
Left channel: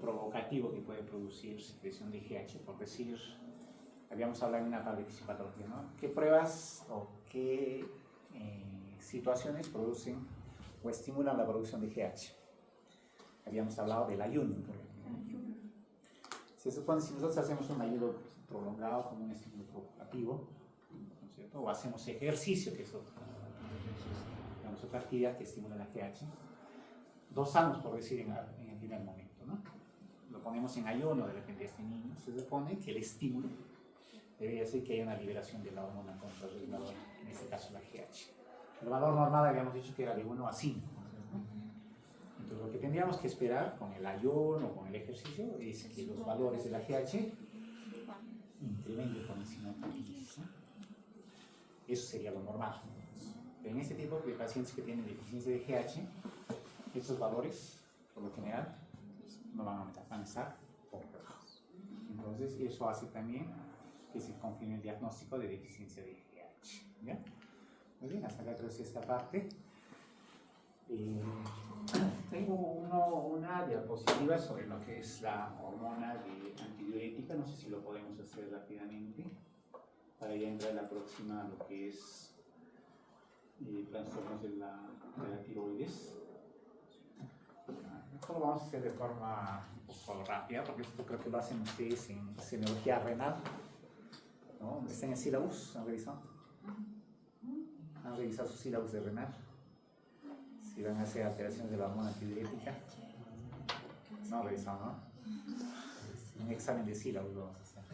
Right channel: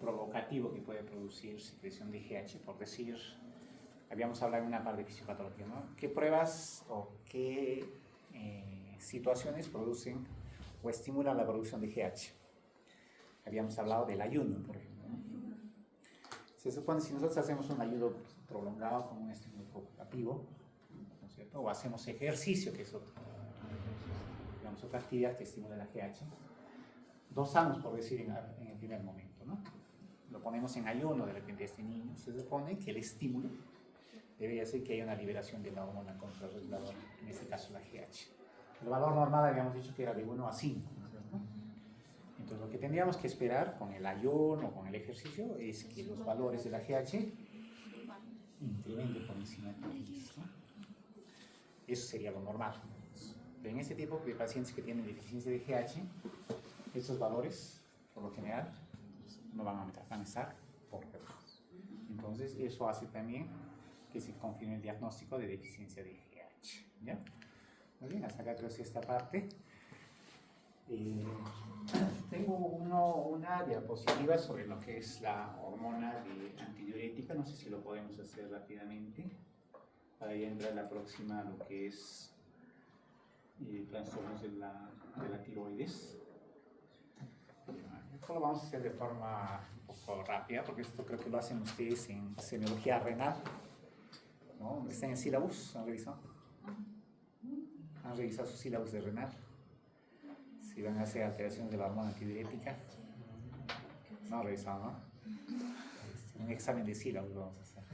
provocativo que puede producir secreción de GH, por decir, habíamos hablado en una parte de fisiopatología, ¿no? ¿Qué pruebas o qué situaciones producen o estimulan la producción de GH? Habíamos hablado del ayuno, por ejemplo, ¿no? Se supone que si nosotros hacemos un ayuno prolongado como un estímulo provocativo, ¿no es cierto?, o hacemos ejercicio, que es otra actividad que estimula la GH, dosamos, por decir, en el primer momento, ¿no? lo ponemos en ayuno de repente a este niño, se supone que el estímulo debería ser que haya una liberación de la hormona contrarreguladora, en este caso la GH. El valor normal habíamos dicho que era de 1 a 5, ¿no es cierto? Entonces lo que tendríamos que esperar con el ayuno, con el ejercicio, es que los valores de la GH incrementen por encima de 15, ¿no? Eso sería lo normal. Pero en este tipo de pacientes que tienen deficiencia de GH, estos valores, por lo general, no van a aumentar, van a estar por debajo. Entonces, eso hace también que se confirme el diagnóstico de deficiencia de GH. ¿Ya? Muy bien, hasta acá creo que esta parte. Tengo una diapositiva sobre lo que es la hormona antidiurética, no sé si lo podemos hacer rápidamente, para ya entrar a la próxima, lo que es trastornos de la tiroides. Esto lo vamos a hacer de forma un poco rápida, porque esto creo que lo hacen ustedes en semiología renal, ¿no? ¿Dónde está en el sílabus? ¿Han revisado? ¿Han revisado sus sílabus de renal? Si van a hacer alteraciones de la hormona antidiurética. No han revisado, ¿no? Un examen de sílabus vamos a hacer.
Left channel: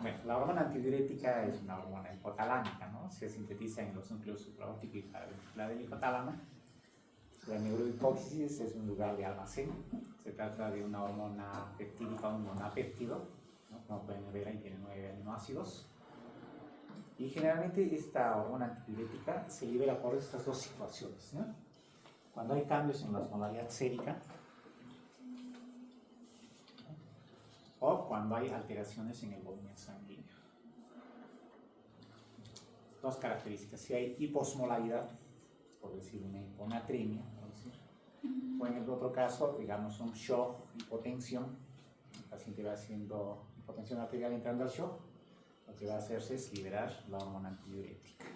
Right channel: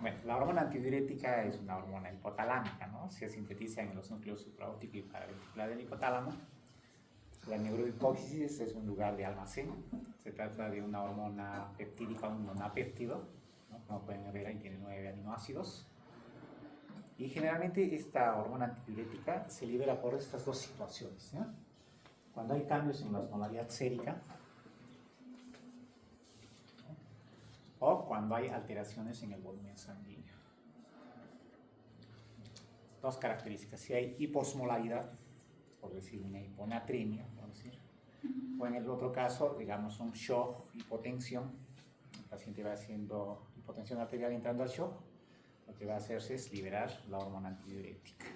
Bueno, la hormona antidiurética es una hormona hipotalámica, ¿no? Se sintetiza en los núcleos supraóptico y paraventricular del hipotálamo. La neurohipófisis es un lugar de almacén. Se trata de una hormona peptídica, un monapéptido, ¿no? Como pueden ver, ahí tiene 9 aminoácidos. Y generalmente esta hormona antidiurética se libera por estas dos situaciones, ¿no? Cuando hay cambios en la osmolaridad sérica, o cuando hay alteraciones en el volumen sanguíneo. Dos características: si hay hiposmolaridad, por decir una hiponatremia, o en el otro caso, digamos, un shock, hipotensión, el paciente va haciendo hipotensión arterial entrando al shock, lo que va a hacerse es liberar la hormona antidiurética.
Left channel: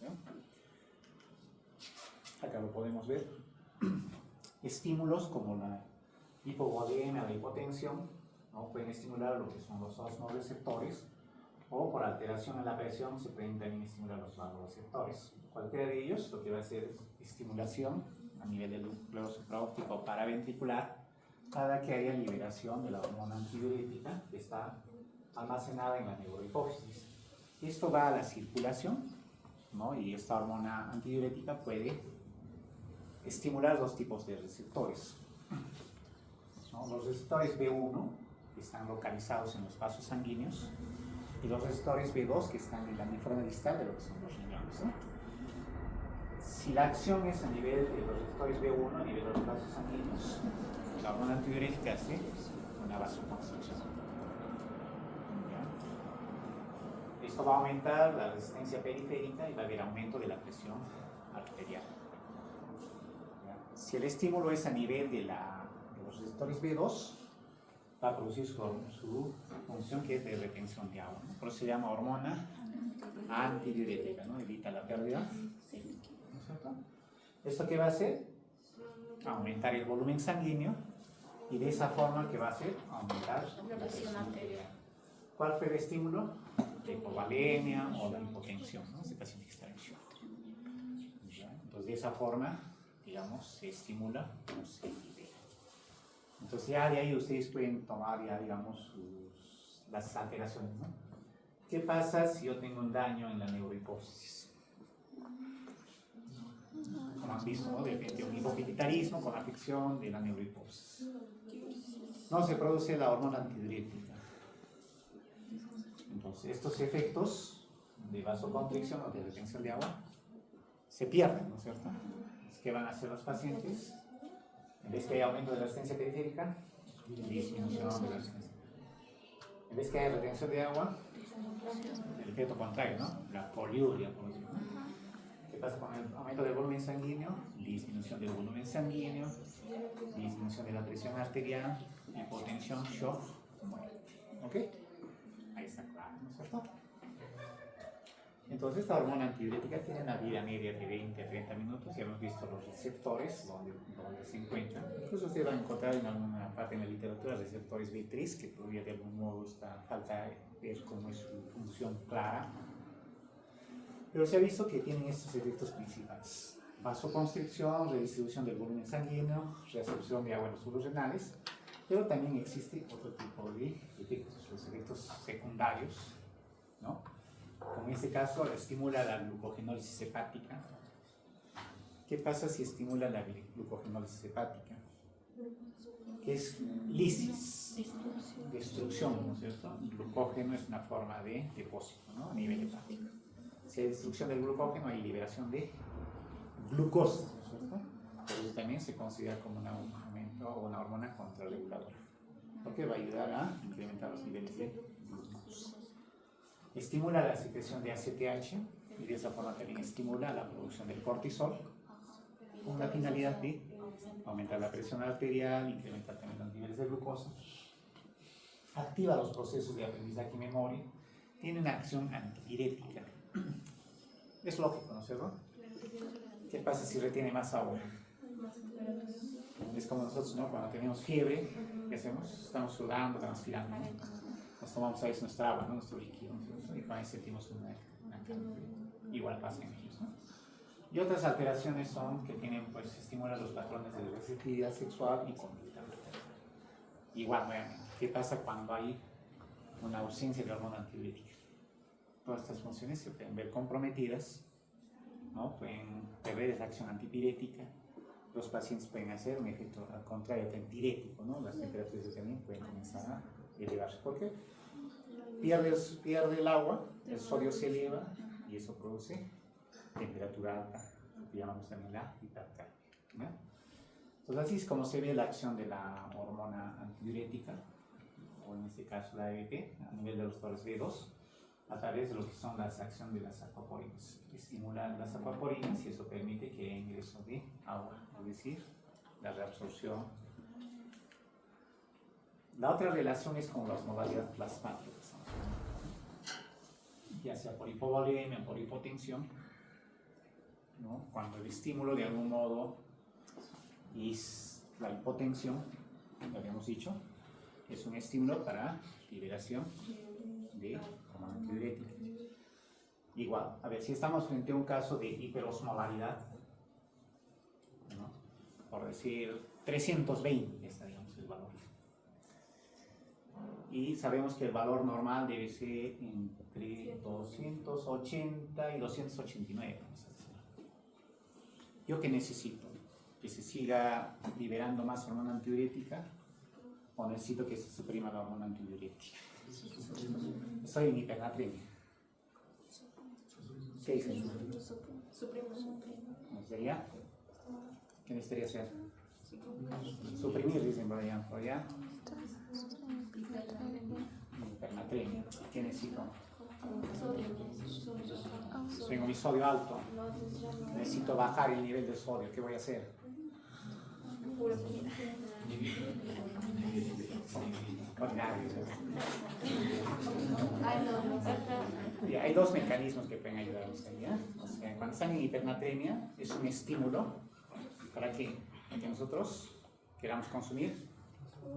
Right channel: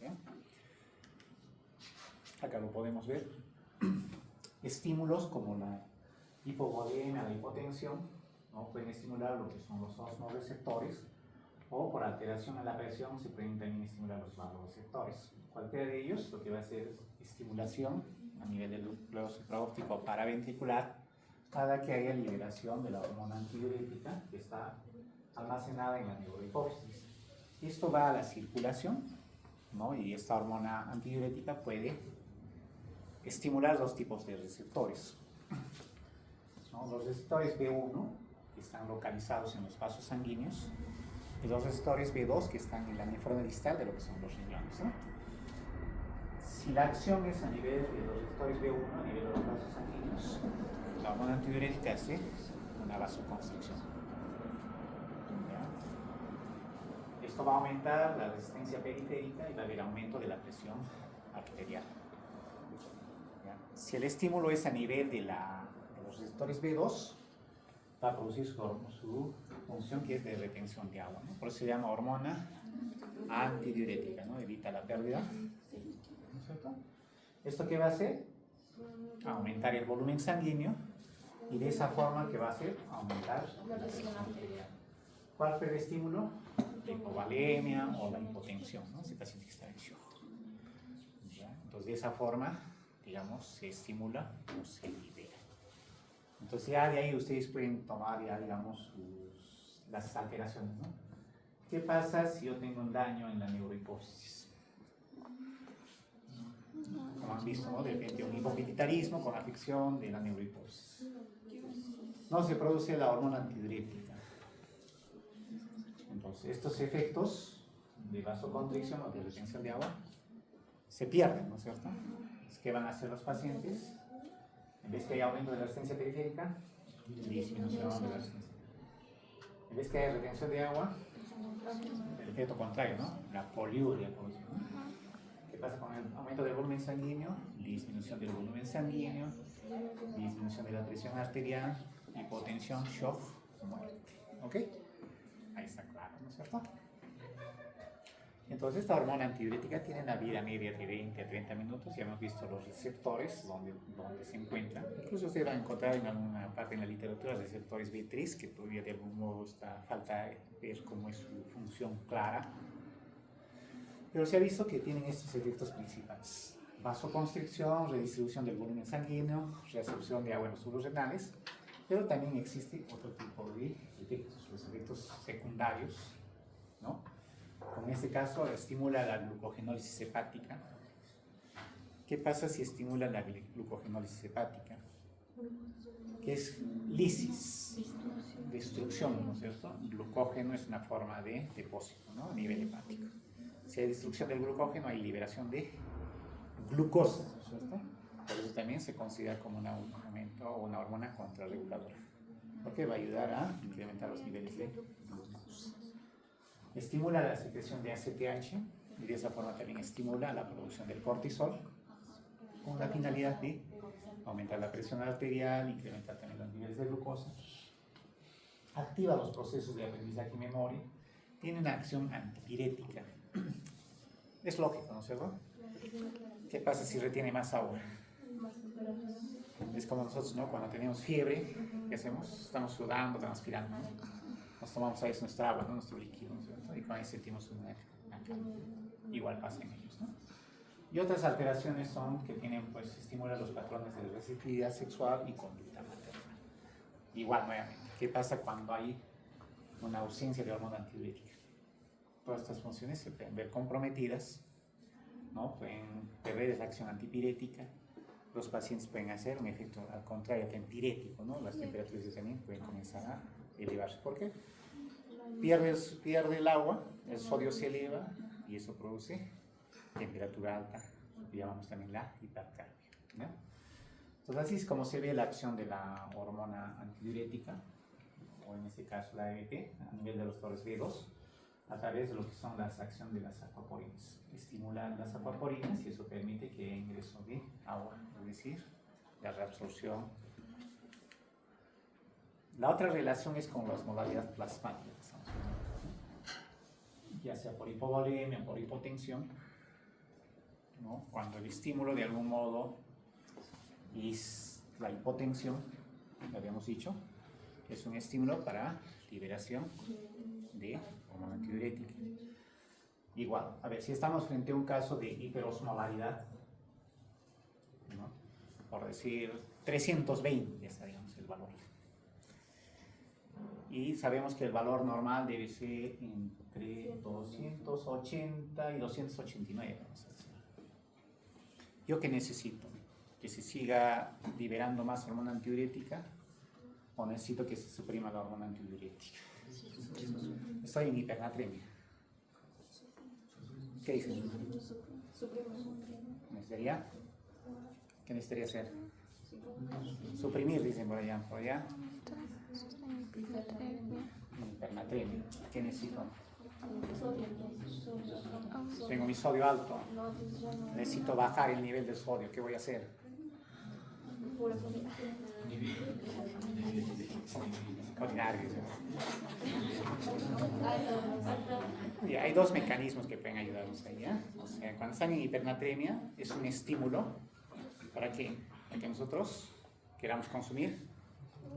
¿Bien? Acá lo podemos ver. Estímulos como la hipovolemia, la hipotensión, ¿no? Pueden estimular lo que son los osmoreceptores, o por alteración en la presión se pueden también estimular los vasoreceptores. Cualquiera de ellos lo que va a hacer es estimulación a nivel del núcleo supraóptico paraventricular cada que haya liberación de la hormona antidiurética que está almacenada en la neurohipófisis. Esto va a la circulación, ¿no? Y esta hormona antidiurética puede estimular dos tipos de receptores, ¿no? Los receptores B1, que están localizados en los vasos sanguíneos, y los receptores B2, que están en la nefrona distal de lo que son los riñones, ¿no? Si la acción es a nivel de los receptores B1, a nivel de los vasos sanguíneos, la hormona antidiurética hace una vasoconstricción. ¿Ya? Esto va a aumentar la resistencia periférica y va a haber aumento de la presión arterial. ¿Ya? Si el estímulo es a nivel de los receptores B2, va a producir su función, que es de retención de agua, ¿no? Por eso se llama hormona antidiurética, ¿no? Evita la pérdida, ¿no es cierto? ¿Esto qué va a hacer? Aumentar el volumen sanguíneo, y de esa forma, ¿qué va a hacer? Aumentar la presión arterial. ¿Cuál fue el estímulo? La hipovalemia o la hipotensión, ¿no? Ese paciente está en shock. Entonces, de esa forma, digamos, se estimula o se libera. Entonces ya de ahí ustedes pueden tomar ya, digamos, las alteraciones, ¿no? ¿Qué pasa si yo tengo un daño en la neurohipófisis? Como han visto, ¿no? De un hipopituitarismo con afección de la neurohipófisis. No se produce la hormona antidiurética. Entonces estos efectos de vasoconstricción o de retención de agua se pierden, ¿no es cierto? ¿Qué van a hacer los pacientes? En vez que haya aumento de la resistencia periférica, disminución de la resistencia. En vez que haya retención de agua, el efecto contrario, ¿no? La poliuria, por ejemplo. ¿Qué pasa con el aumento del volumen sanguíneo? Disminución del volumen sanguíneo, disminución de la presión arterial, hipotensión, shock, muerte. ¿Ok? Ahí está claro, ¿no es cierto? Entonces, esta hormona antidiurética tiene una vida media de 20 a 30 minutos. Ya hemos visto los receptores donde se encuentran. Incluso usted va a encontrar en alguna parte en la literatura receptores B3, que todavía de algún modo falta ver cómo es su función clara. Pero se ha visto que tienen estos efectos principales, vasoconstricción, redistribución del volumen sanguíneo, reabsorción de agua en los suelos renales, pero también existe otro tipo de efectos, los efectos secundarios, ¿no? Como en este caso, estimula la glucogenólisis hepática. ¿Qué pasa si estimula la glucogenólisis hepática? Que es lisis, destrucción, ¿no es cierto? El glucógeno es una forma de depósito, ¿no? A nivel hepático. Si hay destrucción del glucógeno, hay liberación de glucosa, ¿no es cierto? Por eso también se considera como un aumento o una hormona contrarreguladora, porque va a ayudar a incrementar los niveles de glucosa. Estimula la secreción de ACTH y de esa forma también estimula la producción del cortisol, con la finalidad de aumentar la presión arterial, incrementar también los niveles de glucosa, activa los procesos de aprendizaje y memoria, tiene una acción antipirética. Es lógico, ¿no es cierto? ¿Qué pasa si retiene más agua? Es como nosotros, ¿no? Cuando tenemos fiebre, ¿qué hacemos? Estamos sudando, transpirando, ¿no? Nos tomamos a veces nuestra agua, ¿no? Nuestro líquido, ¿no es cierto? Y con ahí sentimos una calma. Igual pasa en ellos, ¿no? Y otras alteraciones son que tienen, pues, estimulan los patrones de receptividad sexual y conducta maternal. Igual, nuevamente, ¿qué pasa cuando hay una ausencia de hormona antidiurética? Todas estas funciones se pueden ver comprometidas, ¿no? Pueden perder esa acción antipirética. Los pacientes pueden hacer un efecto al contrario, tempirético, ¿no? Las temperaturas también pueden comenzar a elevarse. ¿Por qué? Pierde el agua, el sodio se eleva y eso produce temperatura alta, lo que llamamos también la hipertermia, ¿no? Entonces así es como se ve la acción de la hormona antidiurética, o en este caso la AMP, a nivel de los torres B2, a través de lo que son las acciones de las acuaporinas. Estimulan las acuaporinas y eso permite que haya ingreso de agua, es decir, la reabsorción. La otra relación es con las modalidades plasmáticas, ya sea por hipovolemia o por hipotensión, ¿no? Cuando el estímulo de algún modo es la hipotensión, lo habíamos dicho, es un estímulo para liberación de hormona antidiurética. Igual, a ver, si estamos frente a un caso de hiperosmolaridad, ¿no? Por decir 320 está, digamos, el valor. Y sabemos que el valor normal debe ser entre 280 y 289, vamos a decir. ¿Yo qué necesito? ¿Que se siga liberando más hormona antidiurética o necesito que se suprima la hormona antidiurética? Estoy en hipernatremia. ¿Qué dicen? ¿Necesitaría? ¿Qué necesitaría hacer? Suprimir, dicen por allá. ¿Por allá? Hipernatremia. ¿Qué necesito? Tengo mi sodio alto. Necesito bajar el nivel de sodio. ¿Qué voy a hacer? Ordinario. Y hay dos mecanismos que pueden ayudarnos ahí, ¿eh? O sea, cuando están en hipernatremia es un estímulo para que nosotros queramos consumir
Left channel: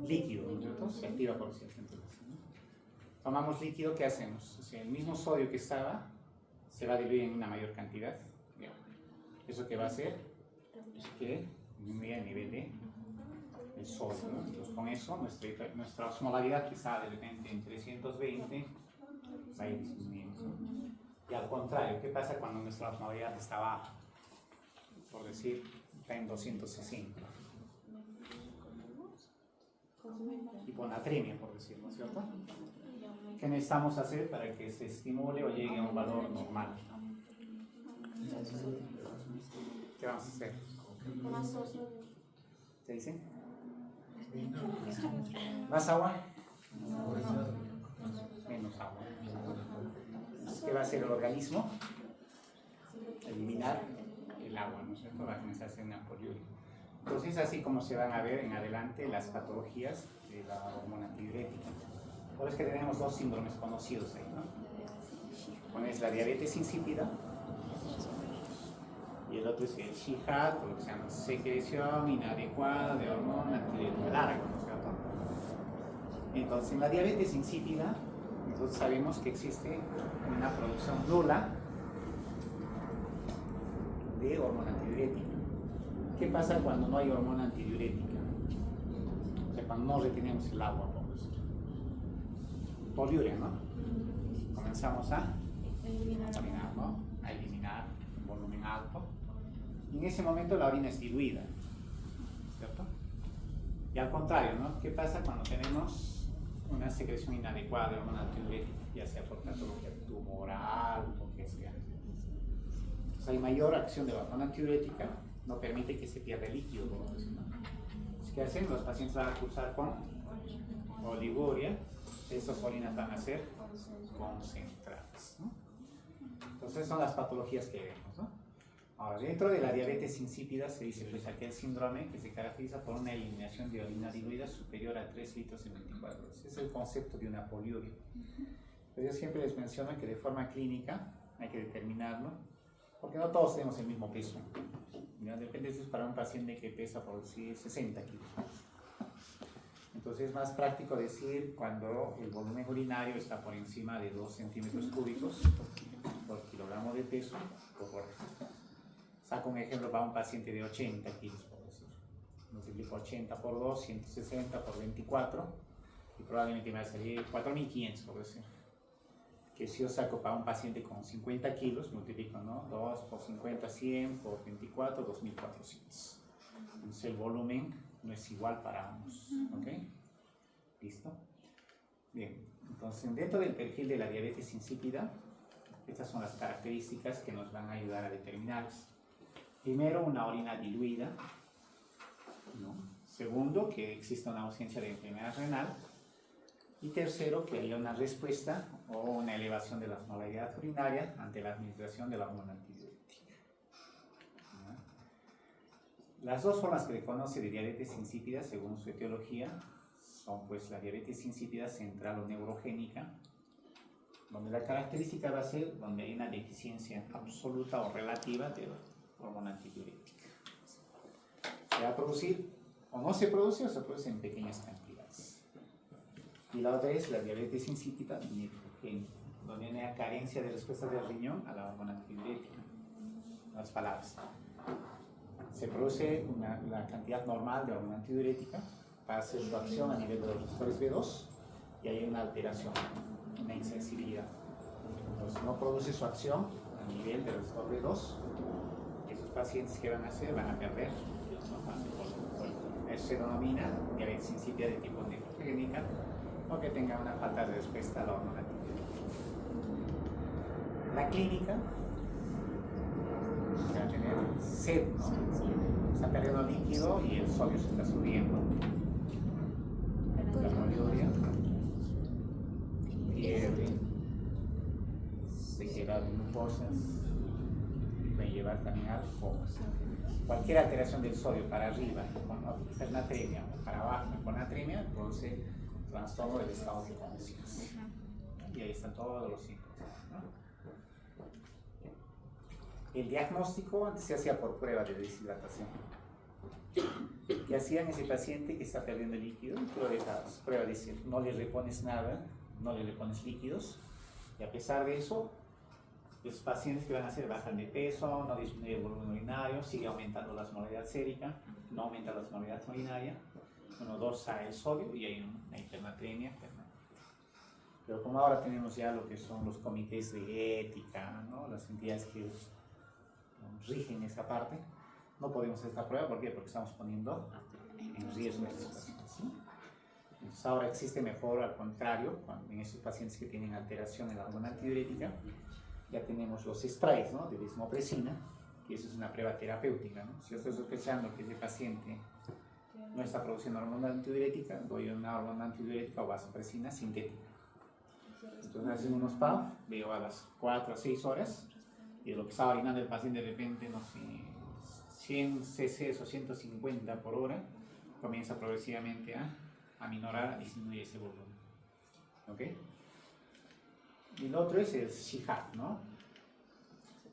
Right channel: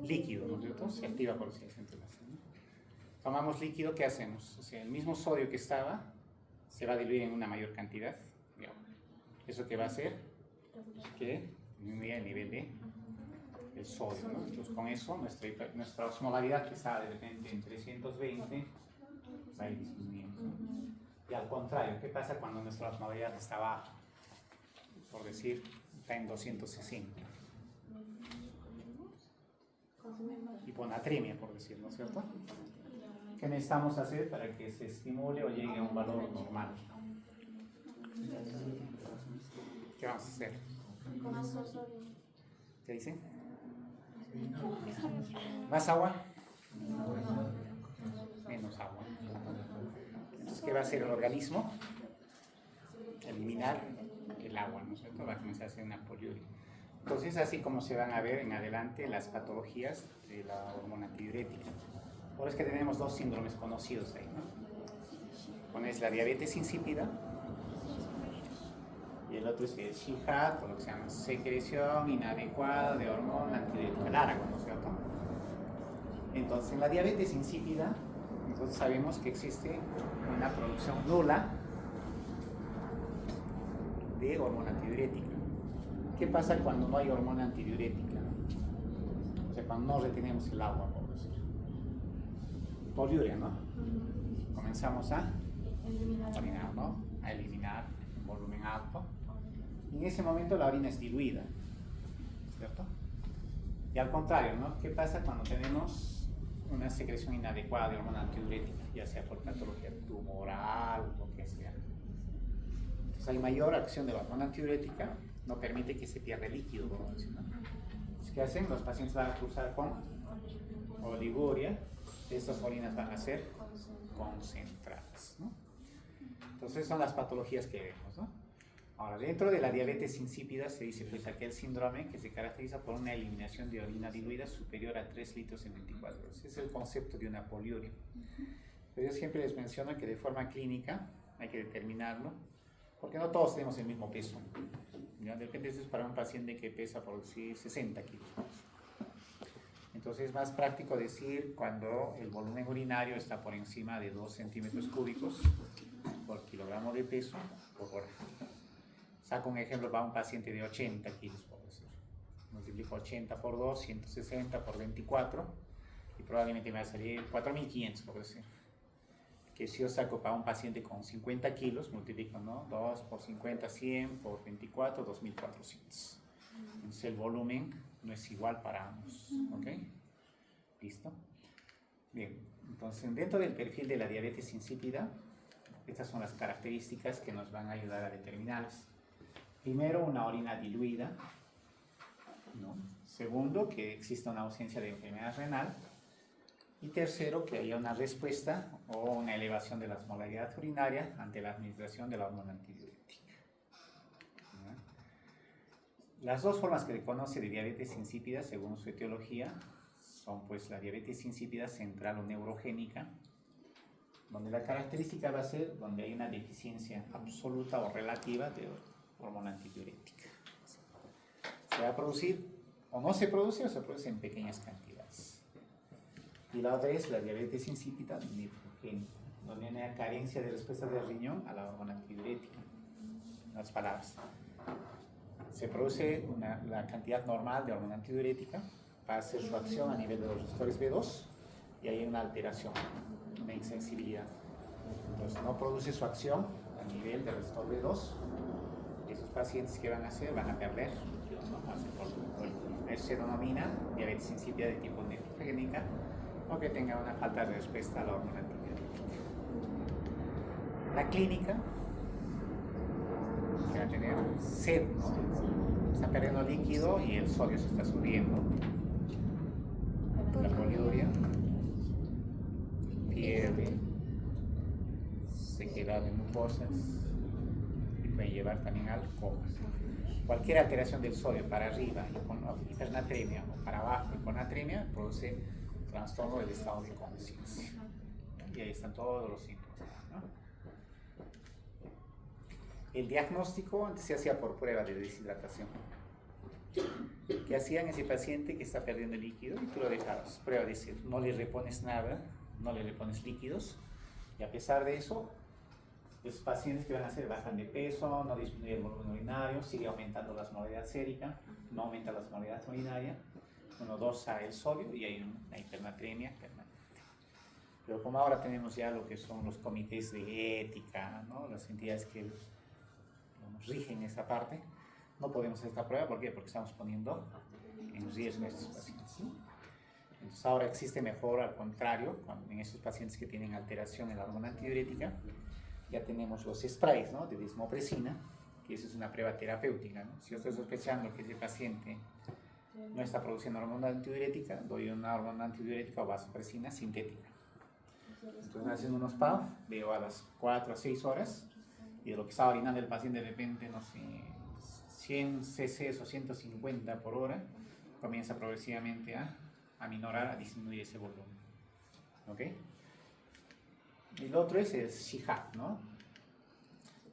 líquido, ¿no es cierto? Se activa por si tomamos líquido, ¿qué hacemos? O sea, el mismo sodio que estaba se va a diluir en una mayor cantidad. Bien. ¿Eso qué va a hacer? Es que disminuye el nivel del sodio, ¿no? Entonces con eso nuestra osmolaridad que estaba de repente en 320 va a ir disminuyendo, ¿no? Y al contrario, ¿qué pasa cuando nuestra osmolaridad está baja? Por decir, está en 260. Hiponatremia, por decir, ¿no es cierto? ¿Qué necesitamos hacer para que se estimule o llegue a un valor normal? ¿Qué vamos a hacer? ¿Qué dicen? ¿Más agua? Menos agua. Entonces, ¿qué va a hacer el organismo? Eliminar el agua, ¿no es cierto? Va a comenzar a hacer una poliuria. Entonces es así como se van a ver en adelante las patologías de la hormona antidiurética. Por eso es que tenemos dos síndromes conocidos ahí, ¿no? Uno es la diabetes insípida y el otro es el SHIHAT, o lo que se llama secreción inadecuada de hormona antidiurética larga, ¿no es cierto? Entonces, en la diabetes insípida, nosotros sabemos que existe una producción nula de de hormona antidiurética. ¿Qué pasa cuando no hay hormona antidiurética? O sea, cuando no retenemos el agua, por decir. Poliuria, ¿no? Comenzamos a eliminar, ¿no? A eliminar en volumen alto. Y en ese momento la orina es diluida, ¿cierto? Y al contrario, ¿no? ¿Qué pasa cuando tenemos una secreción inadecuada de hormona antidiurética, ya sea por patología tumoral o lo que sea? Entonces hay mayor acción de la hormona antidiurética, no permite que se pierda líquido, ¿no? ¿Qué hacen? Los pacientes van a cursar con oliguria. Estas orinas van a ser concentradas, ¿no? Entonces son las patologías que vemos, ¿no? Ahora, dentro de la diabetes insípida se dice pues aquel síndrome que se caracteriza por una eliminación de orina diluida superior a 3 litros en 24 horas. Ese es el concepto de una poliuria. Pero yo siempre les menciono que de forma clínica hay que determinarlo, porque no todos tenemos el mismo peso. ¿Ya? Depende, eso es para un paciente que pesa por decir 60 kilos. Entonces es más práctico decir cuando el volumen urinario está por encima de 2 centímetros cúbicos por kilogramo de peso por hora. Saco un ejemplo para un paciente de 80 kilos, por decir. Multiplico 80 por 2, 160 por 24 y probablemente me va a salir 4.500, por decir. Que si yo saco para un paciente con 50 kilos, multiplico, ¿no? 2 por 50, 100 por 24, 2.400. Entonces el volumen no es igual para ambos, ¿ok? ¿Listo? Bien, entonces dentro del perfil de la diabetes insípida, estas son las características que nos van a ayudar a determinarlas. Primero, una orina diluida, ¿no? Segundo, que exista una ausencia de enfermedad renal. Y tercero, que haya una respuesta o una elevación de la osmolaridad urinaria ante la administración de la hormona antidiurética. Las dos formas que se conoce de diabetes insípida, según su etiología, son pues la diabetes insípida central o neurogénica, donde la característica va a ser donde hay una deficiencia absoluta o relativa de hormona antidiurética. Se va a producir o no se produce o se produce en pequeñas cantidades. Y la otra es la diabetes insípida nefrogénica, donde hay una carencia de respuesta del riñón a la hormona antidiurética. En otras palabras, se produce la cantidad normal de hormona antidiurética, va a hacer su acción a nivel de los receptores B2 y hay una alteración, una insensibilidad. Entonces no produce su acción a nivel del receptor B2. Esos pacientes que van a hacer van a perder líquidos, ¿no? Eso se denomina diabetes insípida de tipo nefrogénica o que tenga una falta de respuesta a la hormona antidiurética. La clínica va a tener sed, ¿no? Está perdiendo líquido y el sodio se está subiendo. La poliuria pierde sequedad de mucosas y puede llevar también al coma. Cualquier alteración del sodio para arriba, hipernatremia, o para abajo, hiponatremia, produce trastorno del estado de conciencia. Y ahí están todos los síntomas, ¿no? El diagnóstico antes se hacía por prueba de deshidratación. ¿Qué hacían ese paciente que está perdiendo líquido? Y tú lo dejas, prueba de decir, no le repones nada, no le repones líquidos, y a pesar de eso, los pacientes que van a hacer bajan de peso, no disminuye el volumen urinario, sigue aumentando la osmolaridad sérica, no aumenta la osmolaridad urinaria, uno dosa el sodio y hay una hipernatremia permanente. Pero como ahora tenemos ya lo que son los comités de ética, ¿no? Las entidades que rigen esa parte, no podemos hacer esta prueba. ¿Por qué? Porque estamos poniendo en riesgo a estos pacientes, ¿sí? Entonces ahora existe mejor, al contrario, en estos pacientes que tienen alteración en la hormona antidiurética, ya tenemos los sprays, ¿no? De desmopresina, que eso es una prueba terapéutica, ¿no? Si yo estoy sospechando que ese paciente no está produciendo hormona antidiurética, doy una hormona antidiurética o vasopresina sintética. Entonces haciendo unos PAF, veo a las 4 a 6 horas, y de lo que estaba orinando el paciente de repente, no sé, 100 cc o 150 por hora, comienza progresivamente a minorar, a disminuir ese volumen. ¿Ok? Y lo otro es el SHIHAP, ¿no?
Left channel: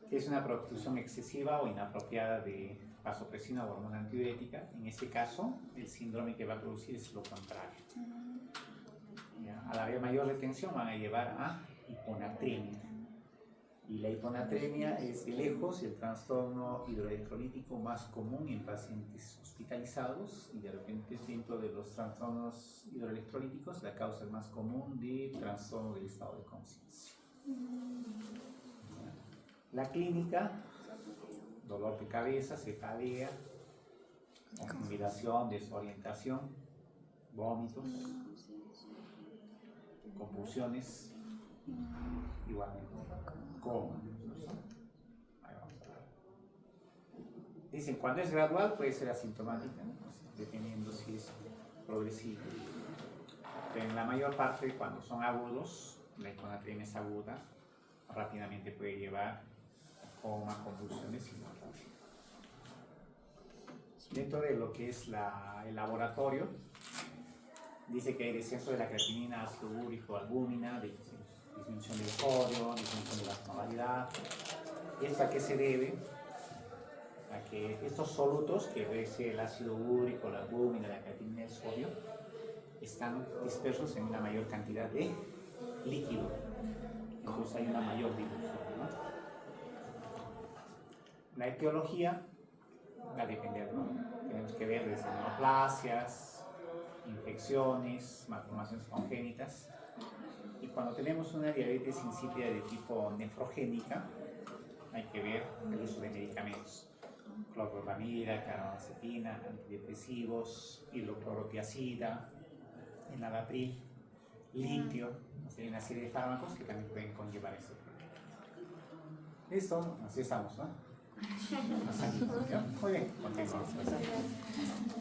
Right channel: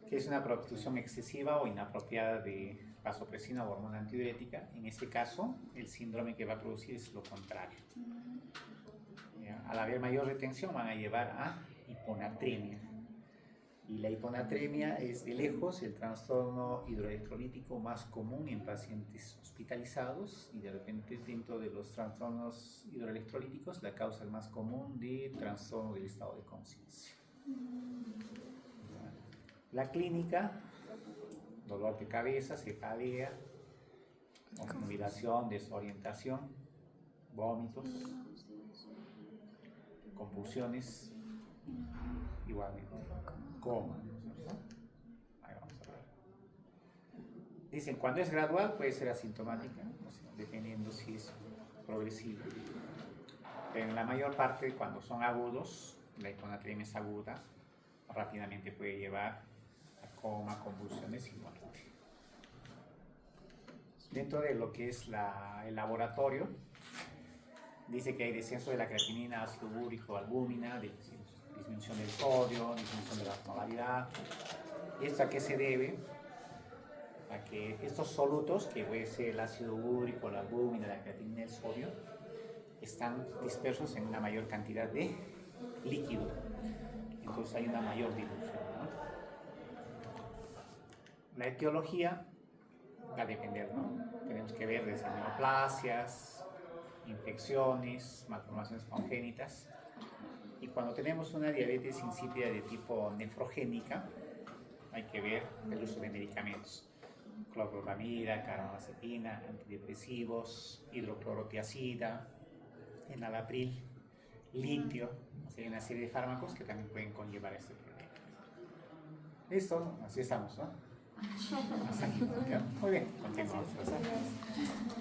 Que es una producción excesiva o inapropiada de vasopresina o hormona antidiurética. En este caso, el síndrome que va a producir es lo contrario. ¿Ya? Al haber mayor retención van a llevar a hiponatremia. Y la hiponatremia es de lejos el trastorno hidroelectrolítico más común en pacientes hospitalizados y de repente dentro de los trastornos hidroelectrolíticos la causa más común de trastorno del estado de conciencia. La clínica, dolor de cabeza, cefalea, confusión, desorientación, vómitos, convulsiones, igualmente coma. Ahí vamos a ver. Dicen, cuando es gradual puede ser asintomática, ¿no? Dependiendo si es progresivo. Pero en la mayor parte, cuando son agudos, la hiponatremia es aguda, rápidamente puede llevar a coma, convulsiones y muerte. Dentro de lo que es el laboratorio, dice que hay descenso de la creatinina, ácido úrico, albúmina, disminución del sodio, disminución de la osmolaridad. ¿Esto a qué se debe? A que estos solutos, que es el ácido úrico, la albúmina, la creatinina y el sodio, están dispersos en una mayor cantidad de líquido. Entonces hay una mayor dilución, ¿no? La etiología va a depender, ¿no? Tenemos que ver desde neoplasias, infecciones, malformaciones congénitas. Y cuando tenemos una diabetes insípida de tipo nefrogénica, hay que ver el uso de medicamentos. Clorpromida, carbamazepina, antidepresivos, hidroclorotiazida, enalapril, litio. Hay una serie de fármacos que también pueden conllevar este problema. Listo, así estamos, ¿no? Muy bien, continuamos.